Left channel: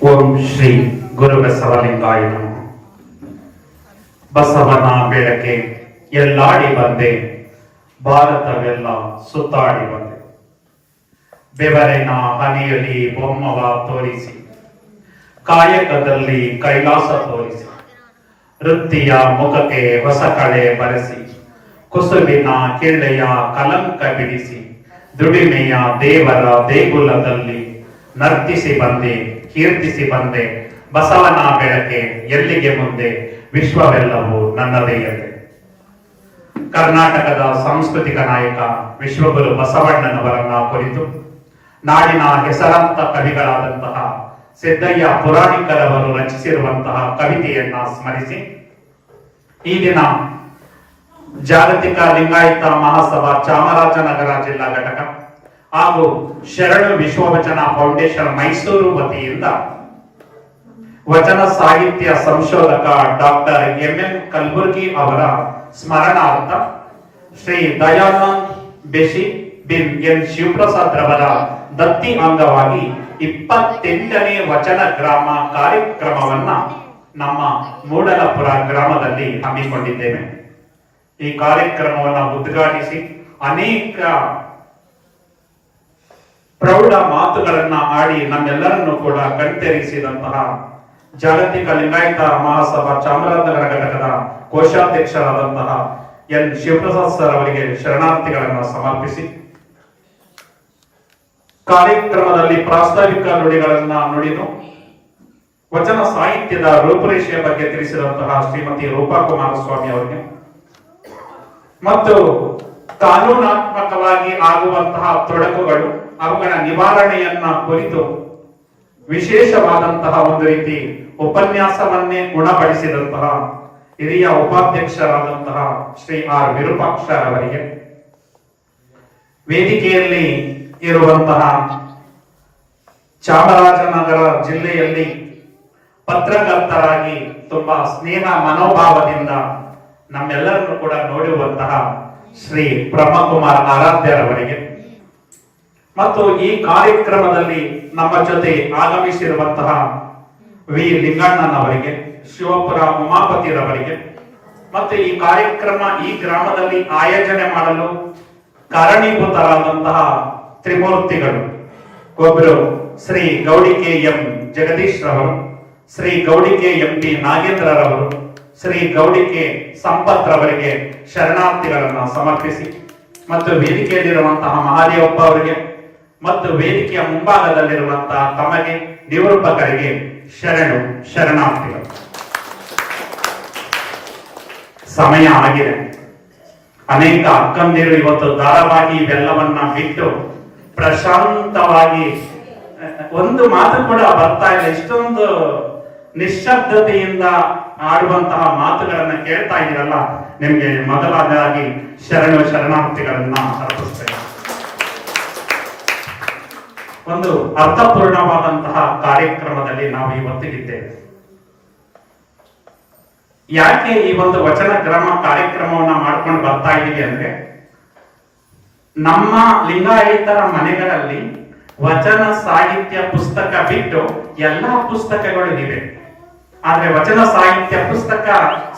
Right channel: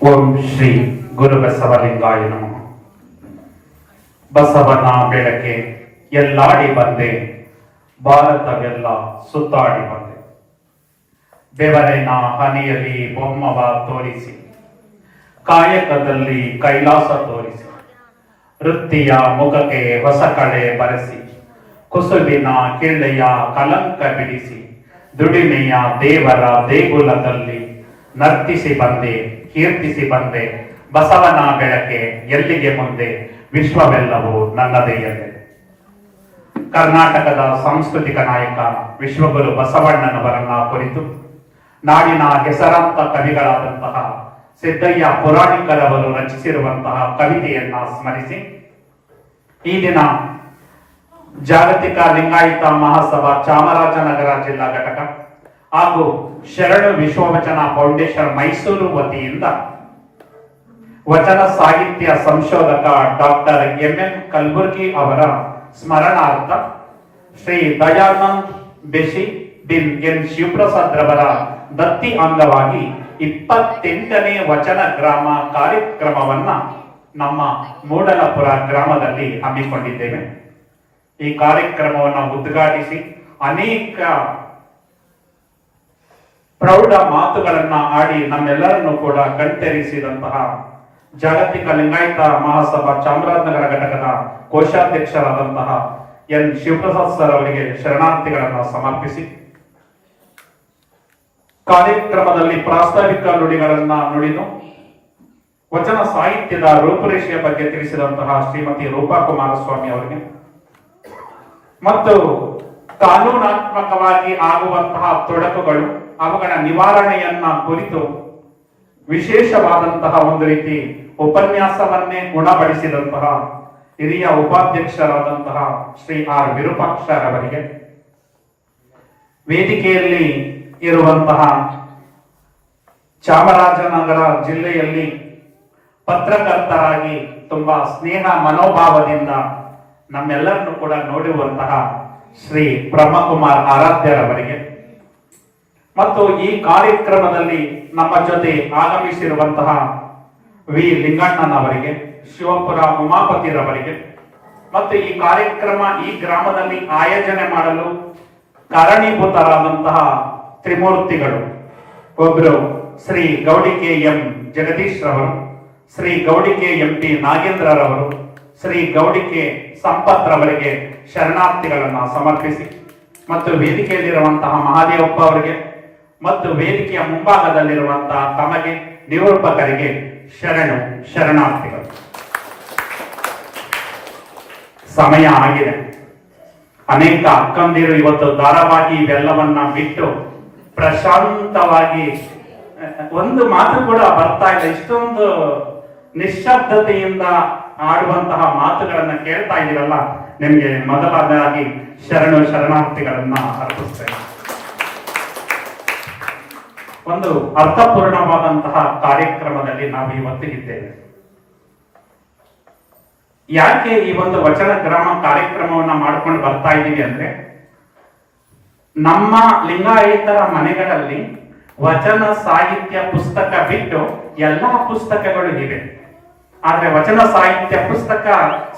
ಓಂ ಶ್ರೀ ಗುರು ಬಸವಲಿಂಗಾಯ ನಮಃ. ಬಸವನ ಬೆಳಕೆ ಎಲ್ಲಾಡಿ ಬಂದೆ, ಭಾರತವೆಲ್ಲ ಸುತ್ತಾಡಿ ಬಂದೆ. ಬೆವರಿನ ಹನಿಯಲ್ಲಿ ಬೊಮ್ಮವ ತೋರಿಸಿ, ಕಾಯಕದಲ್ಲಿ ಕೈಲಾಸ ತೋರಿಸಿ, ವೃತ್ತಿಯ ಮುಖಕ್ಕೆ ಹೊಸ ಕಳೆ ಬರೆಸಿ, ಕುಸುಬಿನ ಕಿಳ್ಳೆಯ ಕಲಂಕ ಬಿಡಿಸಿ, ದುಡಿಮೆಯ ದೇವರ ದೇಗುಲದಲ್ಲಿ ನರ್ತಿಸಿ ಬಂದೆ, ಕೀರ್ತಿಸಿ ಬಂದೆ. ಬಸವನ ಬೆಳಕೆ ಎಲ್ಲಿಗೆ ಮುಂದೆ, ವಿಶ್ವವೆಲ್ಲವೂ ನನ್ನದೆಯಲ್ಲೇ. ಕರ್ನಾಟಕದ ಸಾಂಸ್ಕೃತಿಕ ನಾಯಕ ವಿಶ್ವಗುರು ಬಸವಣ್ಣನವರನ್ನ ಕುರಿತು ನಾಡಿನ ಹೆಸರಾಂತ ಕವಿಗಳಾದಂತಹ ಸಿದ್ದಯ್ಯ ಪುರಾಣಿಕರವರು ರಚಿಸಿರುವಂತಹ ಕವಿತೆಯನ್ನ ಸ್ಮರಿಸಿ, ಈಗಿನ ಜಾಗತಿಕ ಲಿಂಗಾಯತ ಮಹಾಸಭಾ ಚಾಮರಾಜನಗರ ಜಿಲ್ಲಾ ಘಟಕ ಹಾಗೂ ಶರಣು ವಿಶ್ವವಚನ ಫೌಂಡೇಶನ್ ಮೈಸೂರು ವತಿಯಿಂದ ವಚನ ಸಾಹಿತ್ಯ ಸಂಶೋಧಕ ಡಾಕ್ಟರ್ ಎಂ ಕಲಬುರ್ಗಿ ಅವರ ಸ್ಮರಣಾರ್ಥ ಶ್ರೀ ದಯಾನಂದ್ ಬೇಶಿ ಬಿನ್ ಎನ್ ಶಿವಪ್ರಸಾದ್ ರವರ ದತ್ತಿ ಅಂಗವಾಗಿ 28ನೇ ವಚನ ಗ್ರಾಮ ಕಾರ್ಯಕ್ರಮವನ್ನ ನಮ್ಮ ಮೂಡಲಪುರ ಗ್ರಾಮದಲ್ಲಿ ಹಮ್ಮಿಕೊಂಡಿದ್ದೇವೆ. ಈ ಕಾರ್ಯಕ್ರಮವನ್ನು ಉದ್ಘಾಟಿಸಿ ಅನೇಕ ಪ್ರೌಢ ಮಾತುಗಳನ್ನ ಆಡಿ ನಮ್ಮೆಲ್ಲರನ್ನು ಕೂಡ ಕಣ್ತೆರೆಸಿದಂತಹ ಜಾಗತಿಕ ಲಿಂಗಾಯತ ಮಹಾಸಭಾ ಚಾಮರಾಜನಗರ ಘಟಕದ ಕೋಶಾಧ್ಯಕ್ಷರಾದಂತಹ ಎನ್ ಶಿವಪ್ರಸಾದ್ ಸರ್ ಅವರಿಗೆ ಶರಣಾರ್ಥಿಗಳನ್ನು ಸಮರ್ಪಿಸಿ, ಕಾರ್ಯಕ್ರಮದಲ್ಲಿ ಪ್ರಾಸ್ತಾವಿಕ ನುಡಿಗಳನ್ನ ನುಡಿದು ವಚನ ಸಾಹಿತ್ಯದ ರೂಪುರೇಷೆಯ ಬಗ್ಗೆ ತಿಳಿಸಿದಂತಹ ಶ್ರೀಮತಿ ರೂಪಾ ಕುಮಾರಸ್ವಾಮಿ ಅವರಿಗೆ ಮತ್ತು ಕಾನೂನಾತ್ಮಕವಾಗಿ ಆಗುವಂತಹ ತೊಡಕುಗಳು ಅವುಗಳ ನಿವಾರಣೆಯನ್ನ ಕುರಿತು ವಿಶೇಷವಾದಂತಹ ಒಂದು ರೀತಿ ಉಪನ್ಯಾಸವನ್ನೇ ಗುಣಪಡಿಸಿದಂತಹ ಹಿರಿಯ ಉಪಾಧ್ಯಕ್ಷರಾದಂತಹ ಶ್ರೀ ಆರ್ ವಿರೂಪಾಕ್ಷರವರಿಗೆ, ವೇದಿಕೆಯಲ್ಲಿ ಇರುವಂತಹ ಚಾಮರಾಜನಗರ ಜಿಲ್ಲೆಯಲ್ಲಿ ಪತ್ರಕರ್ತರಾಗಿ ತುಂಬಾ ಸ್ನೇಹ ಮನೋಭಾವದಿಂದ ನಮ್ಮೆಲ್ಲರನ್ನು ಕೂಡ ನೋಡಿರುವಂತಹ ಶ್ರೀ ಬ್ರಹ್ಮಕುಮಾರ್ ಆರಾಧ್ಯರವರಿಗೆ ಮತ್ತು ಈ ಕಾರ್ಯಕ್ರಮದಲ್ಲಿ ನಮ್ಮ ಜೊತೆ ಆಗಮಿಸಿರುವಂತಹ ವಿ ಲಿಂಗಣ್ಣನವರಿಗೆ, ಶಿವಪುರ ಉಮಾಪತಿರವರಿಗೆ ಮತ್ತು ಈ ಕಾರ್ಯಕ್ರಮ ಈ ಗ್ರಾಮದಲ್ಲಿ ಆಯೋಜನೆ ಮಾಡಲು ಕಾರಣೀಭೂತರಾದಂತಹ ತ್ರಿಮೂರ್ತಿಗಳು, ಒಬ್ಬರು ಶ್ರೀ ಗೌಡಿಕೆ ಎಂ ಜಗದೀಶ್ ರವರು, ಶ್ರೀ ಗೌಡಿಕೆ ಎಂ ಪಿ ನಾಗೇಂದ್ರರವರು, ಶ್ರೀ ಗೌಡಿಕೆ ಸಂಪತ್ ರವರಿಗೆ ಶರಣಾರ್ಥಿಗಳನ್ನ ಸಮರ್ಪಿಸಿ ಮತ್ತು ವೇದಿಕೆಯಲ್ಲಿರುವಂತಹ ಮಹಾದೇವಪ್ಪ ಅವರಿಗೆ ಮತ್ತು ವೇದಿಕೆಯ ಮುಂಭಾಗದಲ್ಲಿರುವಂತಹ ತಮಗೆ ನಿರೂಪಕರಿಗೆ ಶರಣಾರ್ಥಿಗಳು. ಸಮಯ ಆಗಿದೆ. ಅನೇಕ ಅಕ್ಕಂದಿರು ಇವತ್ತು ಧಾರಾವಾಹಿ ಇವೆಲ್ಲವನ್ನ ಬಿಟ್ಟು ಪ್ರಶಾಂತವಾಗಿ ಒಂದು ಮಾತು ಕೂಡ ಬರ್ತಾ ಇಲ್ಲ, ಇಷ್ಟೊಂದು ನಿಶ್ಶಬ್ದತೆಯಿಂದ ಆಡುವಂತಹ ಮಾತುಗಳನ್ನ ಕೇಳ್ತಾ ಇದ್ದೀರಲ್ಲ, ನಿಮ್ಗೆ ಮೊದಲಾಗಿ ಶರಣಾರ್ಥಿಗಳನ್ನ ಅರ್ಪಿಸ್ತೇವೆ. ಒಂದು ಅರ್ಥಪೂರ್ಣವಾದಂತಹ ಕಾರ್ಯಕ್ರಮದಲ್ಲಿ ನಾವು ಇವತ್ತಿದ್ದೇವೆ. ಯಾಕೆ ಈ ಒಂದು ವಚನ ಗ್ರಾಮ ಕಾರ್ಯಕ್ರಮವನ್ನ ಮಾಡ್ಕೊಂಡು ಬರ್ತಾ ಇದ್ದೀವಿ ಅಂದ್ರೆ, ನಮ್ಮ ಲಿಂಗಾಯತರ ಮನೆಗಳಲ್ಲಿ ವಚನ ಸಾಹಿತ್ಯ ಪುಸ್ತಕ ಬಿಟ್ಟು ಎಲ್ಲಾ ಪುಸ್ತಕಗಳು ಇವೆ, ಆದ್ರೆ ವಚನ ಸಾಹಿತ್ಯ ಪುಸ್ತಕ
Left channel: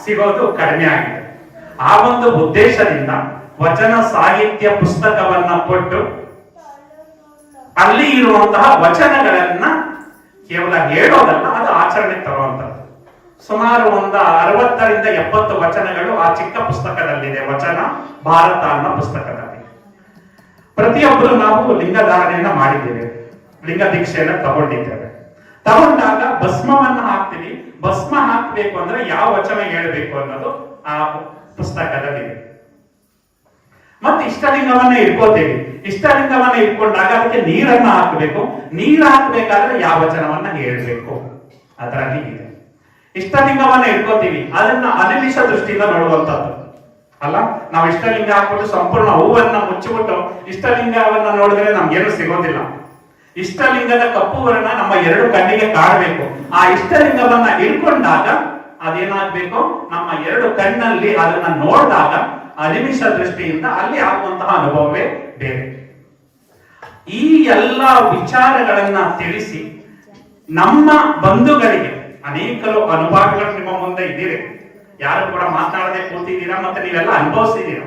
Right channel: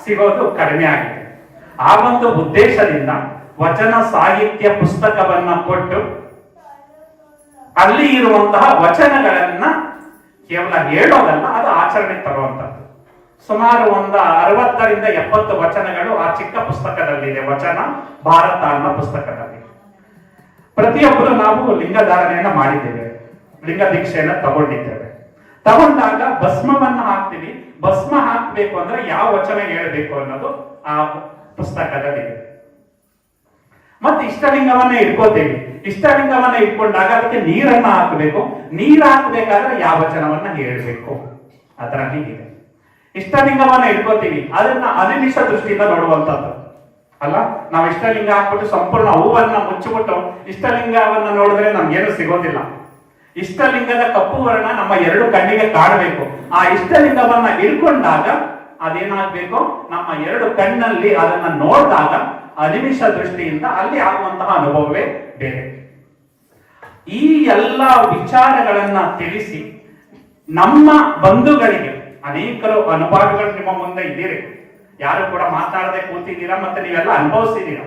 ಸಿಗೋದು ಕಡಿಮೆ ಆಗಿದೆ. ಆ ಒಂದು ಉದ್ದೇಶದಿಂದ ವಚನ ಸಾಹಿತ್ಯ ಪುಸ್ತಕವನ್ನ ಕೊಟ್ಟು ಅಲ್ಲಿ ಇರುವಂತಹ ವಚನಗಳನ್ನ ಕೇವಲ ಹೇಳೋದಲ್ಲ, ಅದು ಆಚರಣೆ ತರುವಂತದ್ದು. ಸುಮಾರು 60ರಿಂದ 70 ವಚನಗಳು ಆ ಚಿಕ್ಕ ಪುಸ್ತಕದಲ್ಲಿದೆ, ವಚನ ಭಾರತ ಅನ್ನೋ ಪುಸ್ತಕದಲ್ಲಿ. ಪ್ರತಿಯೊಬ್ಬರು ನಾವು ಲಿಂಗಧಾರಣೆಯನ್ನ ಮಾಡಿದ್ದೇವೆ, ಲಿಂಗ ದೀಕ್ಷೆಯನ್ನ ತಗೊಂಡಾಗ ಭಸ್ಮವನ್ನ ಹಾಕ್ತೀವಿ. ಭಸ್ಮ ಹಾಕ್ಬೇಕು ಅಂದ್ರೆ ಯಾವ ವಚನ ಹೇಳಬೇಕು ಅನ್ನೋದು ಆ ಪುಸ್ತಕದಲ್ಲಿದೆ. ಮತ್ತೆ ಇಷ್ಟಲಿಂಗವನ್ನ ಇಟ್ಕೋತೇವೆ. ಇಷ್ಟಲಿಂಗವನ್ನ ಇಟ್ಕೊಂಡಾಗ ಅದಕ್ಕೆ ನೀರನ್ನ ಹಾಕಬೇಕು. ನೀರು ಹಾಕ್ಬೇಕಾದ್ರೆ ಯಾವ ವಚನವನ್ನ ಹೇಳಬೇಕು ಅದರ ಹೀಗಿದೆ. ಇಷ್ಟಲಿಂಗವನ್ನ ಇಟ್ಕೋತೀವಿ, ಅದನ್ನ ಅನಿಮಿಷ ದೃಷ್ಟಿಯಿಂದ ನೋಡುವಂತದ್ದು ಅಲ್ಲ. ನಾವು ಇಷ್ಟಲಿಂಗ ಹಾಕ್ಬಿಟ್ಟು ಸಂಪೂರ್ಣ ಹೂವನ್ನ ಮುಚ್ಚಿಬಿಟ್ಟು ಇಷ್ಟಲಿಂಗವನ್ನ ನೋಡಿದ್ರೆ ನಮ್ಗೇನು ಸಿಗೋದಿಲ್ಲ. ಇಷ್ಟಲಿಂಗದ ಕಪ್ಪು ವರ್ಣ ನಮ್ಮ 2 ಕಣ್ಣಿಗೆ ಕಾಣಬೇಕು. ಆ ಇಷ್ಟಲಿಂಗವನ್ನ ಇಟ್ಕೊಂಡಾಗ ಅದೇನಾಗ್ಬೇಕು, ನಮ್ಮ 2 ಕಣ್ಣಲ್ಲಿ ಅದನ್ನ ನೋಡಿದಾಗ ಅನಿಮಿಷ ದೃಷ್ಟಿಯಿಂದ ಅಲ್ಲಿ ಆಗುವಂತಹ ಅನುಭವವೇ ಬೇರೆ. ಈ ಎಲ್ಲ ವಿಚಾರಗಳನ್ನ ತಿಳಿಸಿ ನಮ್ಮ ಬಂಧುಗಳಿಗೆ ಅನೇಕರು ಅನುಭವಗಳು ನಿಮ್ಮ ಮುಂದೆ ಇದ್ದೀರಿ, ಯಾರು ಕೂಡ ಮಾತಾಡದೆ ಕೂತಿದ್ದೀರಾ, ಮತ್ತೆ ನೀವೆಲ್ಲ ಅನುಭವಿಸಿದ್ದೀರಾ.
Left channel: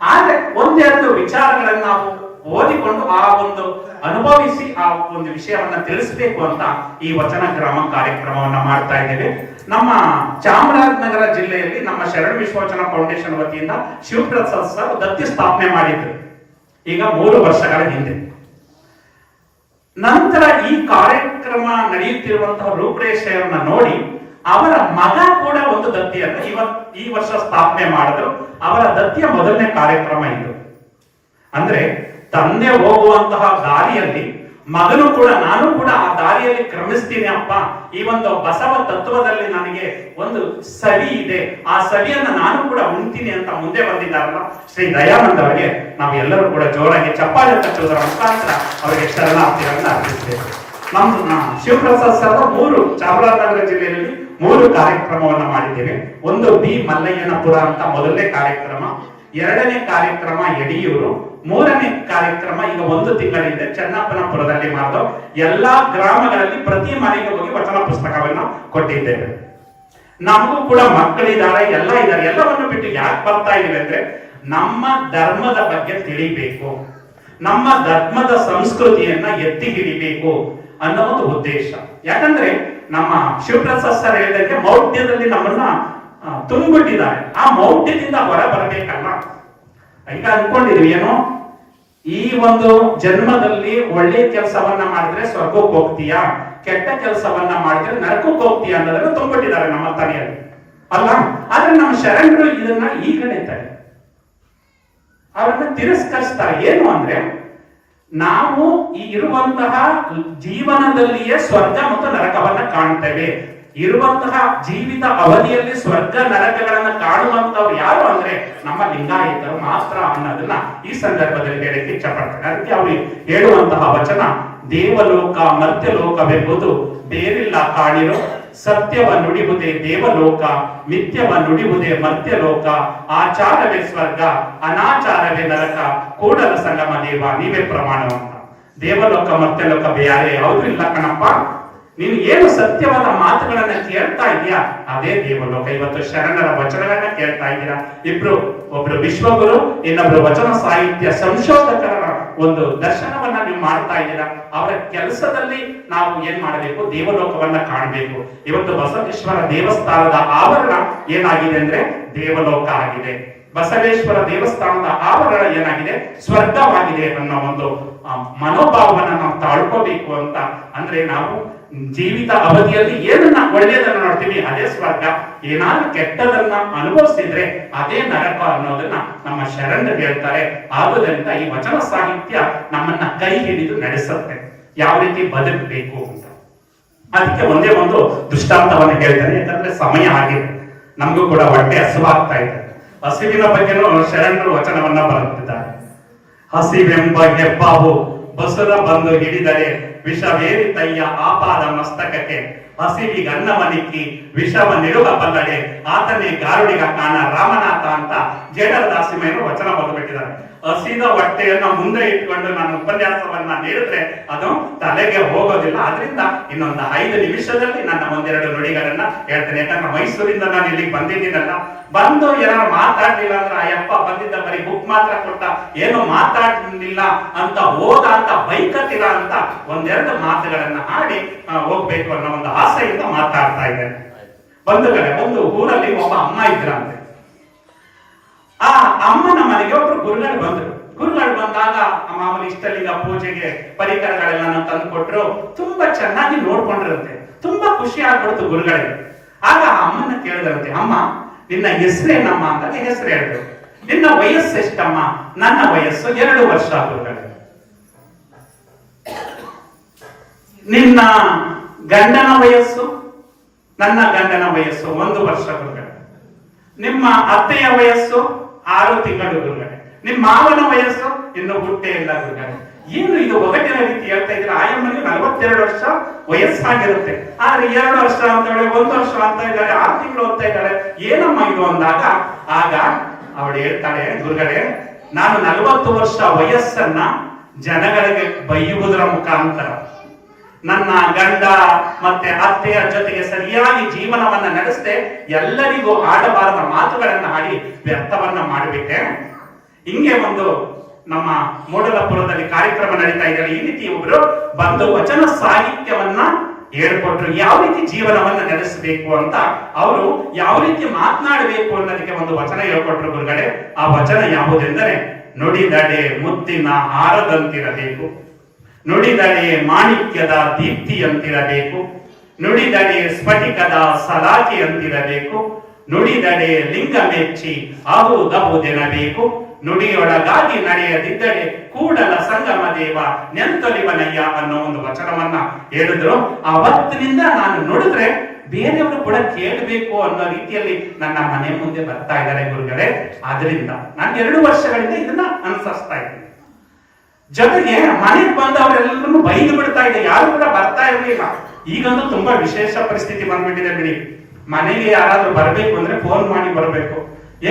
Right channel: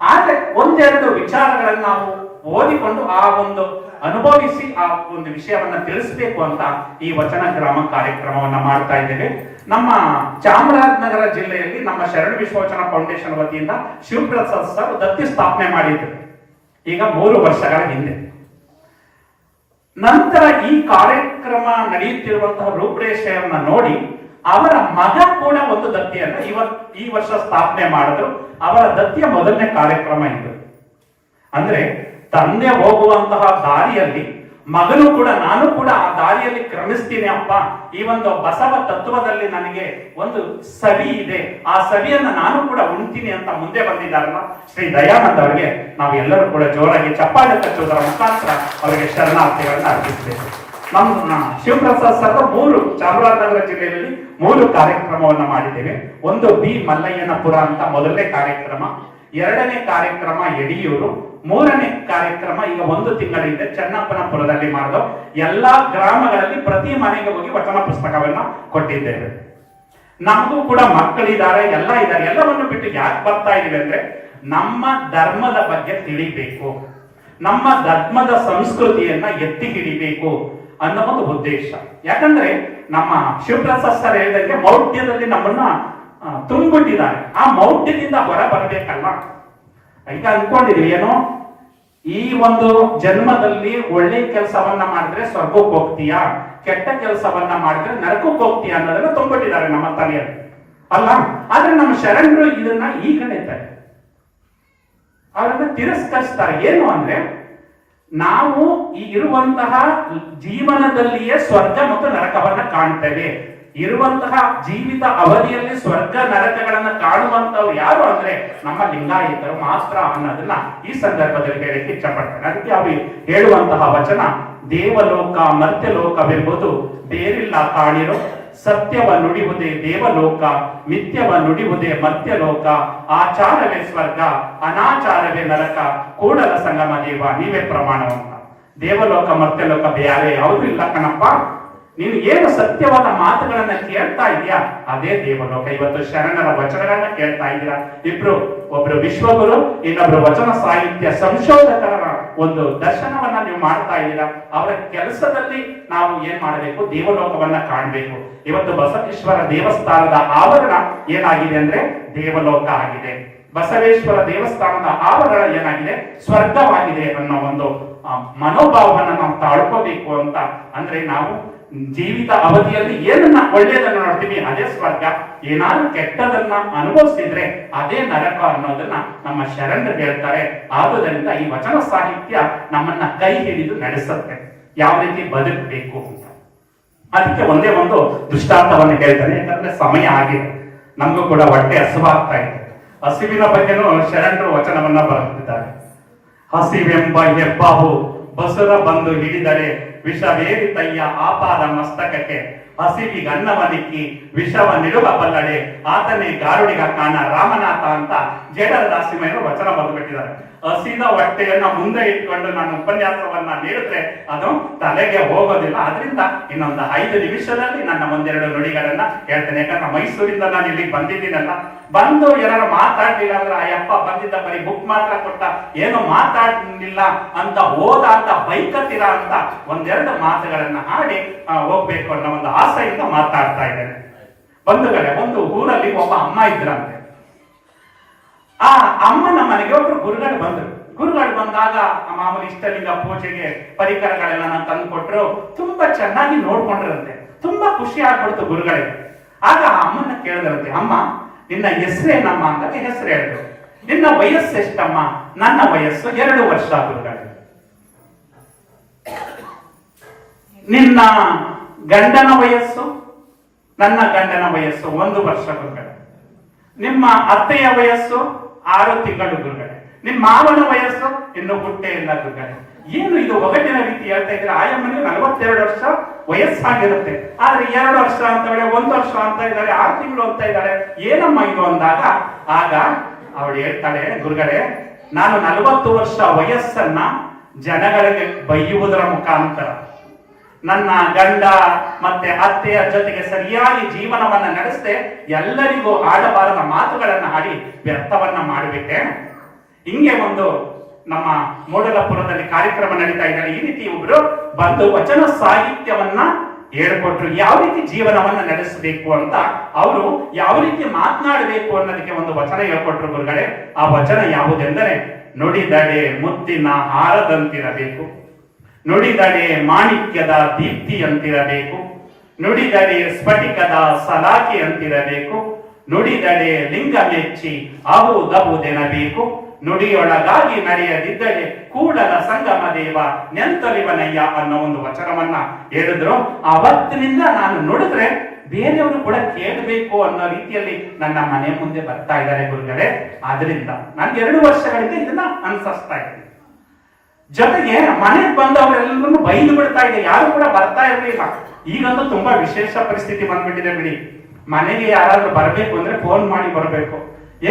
ಆದ್ರೆ ಒಂದೆರಡು ವಿಚಾರಗಳನ್ನು ನಾವು ಓದಿಕೊಂಡು ಆ ಒಂದು ಅನುಭವಿಸಿ ಆ ಒಂದು ವಿಷಯವನ್ನ ತಿಳಿಸಬೇಕು ಅಂತ ಈ ವಚನ ಗ್ರಾಮ ಕಾರ್ಯಕ್ರಮವನ್ನ ಮಾಡ್ತಾ ಇದ್ದೇವೆ. ನಮ್ಮ ಚಾಮರಾಜನಗರ ಜಿಲ್ಲೆಯಲ್ಲಿ ನಮ್ಮ ಶರಣ ವಿಶ್ವವಚನ ಫೌಂಡೇಶನ್ ವತಿಯಿಂದ ಶಿವಪ್ರಸಾದ್ ಸರ್ ದತ್ತಿ ಸ್ಥಾಪನೆ ಮಾಡಿದ್ರು ಈಗ 3 ವರ್ಷಗಳ ಹಿಂದೆ. ನಂತರ ಈ ಕಾರ್ಯಕ್ರಮ ನಡೆಯುತ್ತಿರುವಂತಹ ರೂಪರೇಷೆಯನ್ನ ನೋಡಿ ಅವರ ಮಗ ಕೂಡ ಒಂದು ದತ್ತಿಯನ್ನು ಈ ವರ್ಷ ಸ್ಥಾಪನೆ ಮಾಡಿದ್ರು. ಅವರ ದತ್ತಿಯ ಮೊದಲನೇ ಕಾರ್ಯಕ್ರಮ ಇದು. ಅಂದ್ರೆ ತಂದೆ ಹೋಗುವಂತಹ ದಾರಿಯಲ್ಲಿ ಮಗನು ಕೂಡ, ನಾನು ಕೂಡ ಆ ದಾರಿಯಲ್ಲಿ ಕ್ರಮಿಸ್ತೀನಿ ಅಪ್ಪ, ಈ ಒಂದು ಬಸವ ತತ್ವದಲ್ಲಿ ನನಗೆ ಒಂದು ಸವಿ ಇದೆ, ಆ ಸವಿಯನ್ನ ನಾನು ಕೂಡ ಉಣ್ತೀನಿ ಅಂತ ಮುಂದೆ ಬಂದಿದ್ದಾರಲ್ಲ ಶ್ರೀ ದಯಾನಂದ ಅವರಿಗೆ ನಾವೆಲ್ಲರೂ ಕೂಡ ಜೋರಾಗಿ ಚಪ್ಪಾಳೆ ತಟ್ಟುವುದರ ಮುಖಾಂತರ ಅವರಿಗೆ ಶರಣಾರ್ಥಿಗಳನ್ನ ಅರ್ಪಿಸ್ತೇವೆ. ನಮ್ಮ ಶಿವಪ್ರಸಾದ್ ಸರ್ 3 ಚಾಮರಾಜನಗರ ಜಿಲ್ಲೆಯಲ್ಲಿ 3 ಕಾರ್ಯಕ್ರಮವನ್ನು ಮಾಡಿದ್ದೇವೆ. ಒಂದು ಬಿ ಮಲ್ಲಯ್ಯನಪುರ ಅಂತ ಮೊದಲನೇ ಕಾರ್ಯಕ್ರಮ, 2ನೇ ಕಾರ್ಯಕ್ರಮ ಯಡಿಯೂರು, 3ನೇ ಕಾರ್ಯಕ್ರಮ ಈಗ 1 ತಿಂಗಳಿಂದ ಚನ್ನಪ್ಪನಪುರದಲ್ಲಿ ಮಾಡಿದ. ಎಲ್ಲಾ ಗ್ರಾಮಗಳಲ್ಲಿ ಪ್ರತಿ ಮನೆಗೆ ಹೋಗಿ ವಚನ ಪುಸ್ತಕವನ್ನು ಕೊಟ್ಟಿದ್ದೇವೆ. ನಮಗೂ ಕೂಡ ಮಕ್ಕಳಿದ್ದಾರೆ, ಎಲ್ಲ ಇದ್ದಾರೆ. ಎಲ್ಲವನ್ನು ಬಿಟ್ಟು ಯಾಕೆ ಬರ್ತಾ ಇದ್ದೀವಿ ಅಂದ್ರೆ ನಮ್ಮ ಧರ್ಮದ ಬಗ್ಗೆ ತಿಳಿಬೇಕು, ನಮ್ಮ ಧರ್ಮದ ಸಂಸ್ಕೃತಿಯನ್ನ ಎತ್ತಿ ಹಿಡಿಬೇಕು ಅನ್ನೋ ಒಂದು ಉದ್ದೇಶ. ಯಾಕಂದ್ರೆ ನಮ್ಮ ಶಿವಪ್ರಸಾದ್ ಸರ್ ಹೇಳಿದಂತೆ ಮೌಢ್ಯದಲ್ಲಿ ನಮ್ಮನ್ನ ತುಂಬಿಟ್ಟಿದ್ದಾರೆ. ಆ ಮೌಢ್ಯದಿಂದ ಹೊರ ಬರಬೇಕಲ್ಲ. ಈಗ ಅನ್ಕೊಂಡಿದ್ವಿ ಏನೋ ಈ ಒಂದು ಜನ್ಮದಲ್ಲಿ ಒಳ್ಳೆ ಕೆಲಸವನ್ನ ಮಾಡಿದ್ರೆ ಸ್ವರ್ಗಕ್ಕೆ ಹೋಗ್ತೀಯಾ, ಕೆಟ್ಟ ಕೆಲಸವನ್ನ ಮಾಡಿದ್ರೆ ನರಕಕ್ಕೆ ಹೋಗ್ತೀಯಾ ಅನ್ನೋದನ್ನ ತುಂಬಿಟ್ಟಿದ್ದಾರೆ ನಮ್ಮ ತಲೆಯಲ್ಲಿ ಅಲ್ಲ. ಆದ್ರೆ ನಮ್ಮ ಶರಣರು ಇದನ್ನ ಈಗ ಹೇಳ್ತಾರೆ, ಅವರನ್ನ ತಿರಸ್ಕರಿಸ್ತಾರೆ. ಏನು ಅಂದ್ರೆ ನಾವು ಈ ಇರುವಂತಹ ಜೀವನದಲ್ಲಿಯೇ ಸ್ವರ್ಗ ಮತ್ತು ನರಕವನ್ನ ಕಾಣ್ತೇವೆ. ಇರುವಂತಹ ಜೀವಿತ ಅವಧಿಯಲ್ಲಿ ಸ್ವರ್ಗ ನರಕಗಳನ್ನ ಕಾಣುವಂತವ್ರು ಯಾರು ಅಂದ್ರೆ ನಮ್ಮ ಲಿಂಗಾಯತರು ಮಾತ್ರ ಅನ್ನೋದನ್ನ ಈ ಸಂದರ್ಭದಲ್ಲಿ ಹೇಳಕ್ಕೆ ಇಷ್ಟಪಡ್ತಾರೆ. ಅದಕ್ಕೆ ಅವರು ಹೇಳುವಂತಹ ವಚನ, ದೇವಲೋಕ ಮರ್ತ್ಯಲೋಕವೆಂಬುದು ಬೇರಿಲ್ಲ ಕಾಣಿರು, ಸತ್ಯವ ನುಡಿಯುವುದೇ ದೇವಲೋಕ, ಮಿಥ್ಯವ ನುಡಿಯುವುದೇ ಮರ್ತ್ಯಲೋಕ, ಆಚಾರವೇ ಸ್ವರ್ಗ, ಅನಾಚಾರವೇ ನರಕ, ಕೂಡಲ ಸಂಗಮ ದೇವ ನೀವೇ ಪ್ರಮಾಣ ಅಂತ. ದೇವಲೋಕ ಮರ್ತ್ಯಲೋಕ ಬೇರೆ ಯಾವುದು ಇಲ್ಲ ಕಣಪ್ಪ, ನೀನು ಏನು ಸತ್ಯವಾದ ಮಾತುಗಳನ್ನ ಕೇಳ್ತಾ ಇದೀಯಾ ಅದೇ ದೇವಲೋಕ. ಇವತ್ತು ಶರಣರ ವಚನಗಳನ್ನ ಕೇಳ್ತಾ ಇದ್ದೀರಾ. ಒಬ್ರು ವಿಶ್ವಗುರು, ಇನ್ನೊಬ್ರು ವಚನ ಸಾಹಿತ್ಯ ಸಂಶೋಧಕರ ಒಂದು ದರ್ಶನವನ್ನ ನೀವು ಮಾಡ್ತಾ ಇದ್ದೀರಾ. ಅವರ ಕೆಲಸದಲ್ಲಿ ನಾವು ಏನ್ ಮಾಡಬೇಕು, ದೇವಲೋಕವನ್ನ ಕಾಣಬೇಕು. ಇವತ್ತು ಬಸವೇಶ್ವರ ದೇವಸ್ಥಾನದ ಆವರಣ ಏನಾಗಿದೆ ಅಂದ್ರೆ ದೇವಲೋಕ ಆಗಿದೆ. ಬಸವೇಶ್ವರ ದೇವಸ್ಥಾನದ ಆವರಣ ಏನಾಗಿದೆ, ಸ್ವರ್ಗವಾಗಿದೆ ಅನ್ನೋ ಒಂದು ಮನೋಭಾವವನ್ನ ನಾವು ತಾಳ್ಕೋಬೇಕು ಅಂತ. ಅಂದ್ರೆ ನಾವು ಜೀವಿತ ಅವಧಿಯಲ್ಲಿ ಏನನ್ನ ಒಳ್ಳೆಯದನ್ನ ನೋಡ್ತೀವಿ ಅದೇ ಸ್ವರ್ಗ, ಏನಾದ್ರೂ ಕೆಟ್ಟದನ್ನ ಅನುಭವಿಸಿದ್ರೆ ಅದೇ ನರಕ ಅನ್ನೋದನ್ನ ನಮ್ಮ ಶರಣರು ಹೇಳ್ತಾರೆ. ಆಗುವುದರಿಂದ ಈ ವಚನ ಸಾಹಿತ್ಯ ನಮ್ಮನ್ನ ಕೈ ಹಿಡಿದು ನಡೆಸುತ್ತೆ, ಯಾವ ರೀತಿ ಬದುಕಬೇಕು ಅಂತ. ಅದಕ್ಕೆ ಒಂದೇ ಒಂದು ದೃಷ್ಟಾಂತವನ್ನು ಹೇಳ್ತಾರೆ, ಯಾಕಂದ್ರೆ ಸಮಯ ಆಗಿದೆ, ನಮಗೂ ಕೂಡ ಹೊಟ್ಟೆ ಹಸುವಾಗ್ತಾ ಇದೆ. ಹಸಿವಿನ ಬಗ್ಗೆನೂ ಶರಣರು ವಚನವನ್ನ ಬರೆದಿದ್ದಾರೆ. ಹಸಿವೆಂಬ ಹೆಬ್ಬಾವು ಬಸುರ ಬಂದು ಹಿಡಿದರೆ ವಿಷವೇರಿತಯ್ಯ ಆಪಾದ ಮಸ್ತಕಕ್ಕೆ, ಹಸಿವಿಗನ್ನವನಿಕ್ಕಿ ವಿಷವ ನಿಡುವ ಬದಳೆ ಆತನೇ ಗಾರುಡಿಗ ಕಾಣ ರಾಮನಾಥ ಅಂತ ಜೇಡರ ದಾಸಿಮಯ್ಯರು ವಚನ ಬರೆದುಬಿಟ್ಟಿದ್ದಾರೆ. ಹಸಿದ ಹೊಟ್ಟೆಯನ್ನ ಮುಂದೆ ಇಟ್ಕೊಂಡು ನಾನು ಉಪನ್ಯಾಸವನ್ನ ನೀಡಿದ್ರೆ ಅದು ತಲೆಗೆ ಹೋಗೋದಿಲ್ಲ. ಅದರಿಂದ ಇನ್ನೊಂದು 5 ನಿಮಿಷದಲ್ಲಿ ನನ್ನ ಒಂದೆರಡು ನುಡಿಗಳನ್ನ ಹೇಳ್ತೇನೆ. ಯಾಕಂದ್ರೆ ಮೈಸೂರಿಂದ ನಾನು ಇಲ್ಲಿಗೆ ಬಂದಿದ್ದೀನಲ್ಲ, ಬಂದು ಏನಾದ್ರು ಮಾತಾಡ್ಲಿಲ್ಲ ಅಂದ್ರೆ ಅಯ್ಯಪ್ಪ ಬಂದಿದ್ದ ಬರೀ ಬುಕ್ ಮಾತ್ರ ಕೊಟ್ಟ, ಏನು ಮಾತಾಡ್ಲಿಲ್ಲ ಅಂತ ಹೋದ ಅಂತ ಬೈಕತ್ತಿರ ಅಂತ ಒಂದೆರಡು ಮಾತುಗಳನ್ನ ಹಾಡಿ ಹೋಗ್ಬೇಕು ಅನ್ನೋ ಒಂದು ಆಸೆಯಿಂದ ಮಾತಾಡ್ತಾ ಇದ್ದೇನೆ. ಬಂಧುಗಳೇ, ಒಂದು ಊರಲ್ಲಿ ಒಬ್ಬ ಅಮ್ಮ ಇದ್ರಂತೆ. ಆ ಅಮ್ಮನ ಮನೆಗೆ ಒಬ್ರು ಗುರುಗಳು ಬಂದ್ರು. ಗುರುಗಳು ಬಂದಾಗ ಮಾಮೂಲಿ ಇಷ್ಟಲಿಂಗ ಪೂಜೆಗೆ ಪರಿಕರಗಳೆಲ್ಲ ತಂದು ಕೊಟ್ರು. ತುಂಬಾ ಚೆನ್ನಾಗಿ ನೋಡ್ಕೊಂಡಿರಂತೆ. ತುಂಬಾ ಖುಷಿ ಆಗ್ಬಿಡ್ತು ಗುರುಗಳಿಗೆ. ಆಗ ಅಮ್ಮನ ಕೇಳಿದ್ರಂತೆ, ಅಮ್ಮ ನಿನ್ನ ಹೆಸರೇನಮ್ಮ ಅಂದಾಗ ಹೆಸರು ಹೇಳಿದ್ರು. ನಿನ್ನ ವಯಸ್ಸು ಎಷ್ಟಮ್ಮ? ನನ್ನ ವಯಸ್ಸು 2 ವರ್ಷ ಗುರುಗಳೇ. ನಿನ್ನ ಗಂಡನ ವಯಸ್ಸು? ನನ್ನ ಗಂಡನ ವಯಸ್ಸು 1 ವರ್ಷ ಗುರುಗಳೇ. ನಿಮ್ಮ ಅತ್ತೆಯ ವಯಸ್ಸು 6 ತಿಂಗಳು ಗುರುಗಳೇ. ನಿಮ್ಮ ಮಾವನ ವಯಸ್ಸು ಇನ್ನು ಹುಟ್ಟೆ ಇಲ್ಲ ಗುರುಗಳೇ. ಏನು ಇದು ಒಗಟಿನ ರೀತಿ ಹೇಳ್ತಾ ಇದ್ರೆ? ಆಯಮ್ಮನಿಗೆ 42 ವರ್ಷ ವಯಸ್ಸಾಗಿರುತ್ತೆ, ಆದ್ರೆ 2 ವರ್ಷ ಅಂತ ಹೇಳಿ 1 ವರ್ಷ ಅಂತ ಇದ್ದಾರೆ, 6 ತಿಂಗಳು ಓದ್ತಾ ಇದ್ದಾರೆ. ಏನಮ್ಮ ಇದು ಅಂದಾಗ ಆಗ ಅವಳು ಹೇಳ್ತಾಳೆ, ಗುರುಗಳೇ ನಾನು 40 ವರ್ಷ ವಯಸ್ಸನ್ನ ಜನಗಳಿಗೆ ಬೈಯುವುದರ ಮುಖಾಂತರ, ನನ್ನ ಗಂಡ ಮತ್ತೆ ಅತ್ತೆಯ ಜೊತೆಗೆ ಸರಿಯಾಗಿ ಜೀವನವನ್ನ ನಡೆಸದೆ ಎಲ್ಲರಿಗೂ ಆಡಬಾರದ ಮಾತುಗಳನ್ನ ಆಡಿ ವ್ಯರ್ಥವನ್ನ ಮಾಡಬೇಕೆ? ಹಿಂಗೆ ಒಂದು ನಮ್ಮ ಮೂಡಲಪುರದಲ್ಲಿ ಕಾರ್ಯಕ್ರಮ ನಡೀತಾ ಇದ್ದಾರೆ. ಈ ರೀತಿ ಒಬ್ರು ಬಂದು ವಚನ ಸಾಹಿತ್ಯವನ್ನ ಹೇಳ್ಕೊಟ್ರು, ಯಾವ ರೀತಿ ಜೀವನವನ್ನ ನಡೆಸಬೇಕು ಅಂತ, ಅವರು ಯಾವ ರೀತಿ ಮಾತನಾಡಬೇಕು ಅನ್ನೋದಕ್ಕೆ ಒಂದು ವಚನ ಹೇಳ್ಕೊಟ್ರು ಗುರುಗಳೇ. ಆ ವಚನ ಯಾವುದೆಂದರೆ, ನುಡಿದಡೆ ಮುತ್ತಿನ ಹಾರದಂತಿರಬೇಕು, ನುಡಿದಡೆ ಮಾಣಿಕ್ಯದ ದೀಪ್ತಿಯಂತಿರಬೇಕು, ನುಡಿದಡೆ ಸ್ಫಟಿಕದ ಸಲಾಕಿಯಂತಿರಬೇಕು, ನುಡಿದಡೆ ಲಿಂಗ ಮೆಚ್ಚಿ ಆಗುವುದೆನಬೇಕು, ನುಡಿಯೊಳಗಾಗಿ ನಡೆಯದಿದ್ದರೆ ಕೂಡಲ ಸಂಗಮ ದೇವ ನೆಂತೊಲಿವನಯ್ಯ ಅನ್ನೋ ಒಂದು ವಚನವನ್ನ ಹೇಳಿದ್ರು. ಅವತ್ತಿನಿಂದ ನಾನು ನುಡಿದ್ರೆ ಬೇರೆಯವರು ಕೂಡ ಕೇಳಬೇಕು ಅನ್ನೋ ರೀತಿಯಲ್ಲಿ ನನ್ನ ಮನೆ ಮುಂದೆ ಬರ್ತಾ ಇದ್ದಾರೆ ಗುರುಗಳೇ. ಆದ್ರಿಂದ ನಾನು 2 ವರ್ಷಗಳಿಂದ ಇದನ್ನ ಅನುಸರಿಸ್ತಾ ಇದ್ದೀನಿ. ಜೊತೆಗೆ ಮನೆಗೆ ಬಂದವರೆಲ್ಲರೂ ಬೈದು ಬಿಡ್ತಾ ಇದೆ, ಯಾರು ಕೂಡ ಬರ್ತಾ ಇರಲಿಲ್ಲ. ಈಗಂತೂ ತುಂಬಾ ವಿಶೇಷ ಪರಿಸ್ಥಿತಿ ಬಂದ್ಬಿಟ್ಟಿದೆ ಬಿಡಿ. ಮನೆಗೆ ಯಾರಾದ್ರೂ ಬರ್ಬೇಕು ಅಂದ್ರೆ ಫೋನ್ ಮಾಡಿ ಬರ್ಬೇಕು.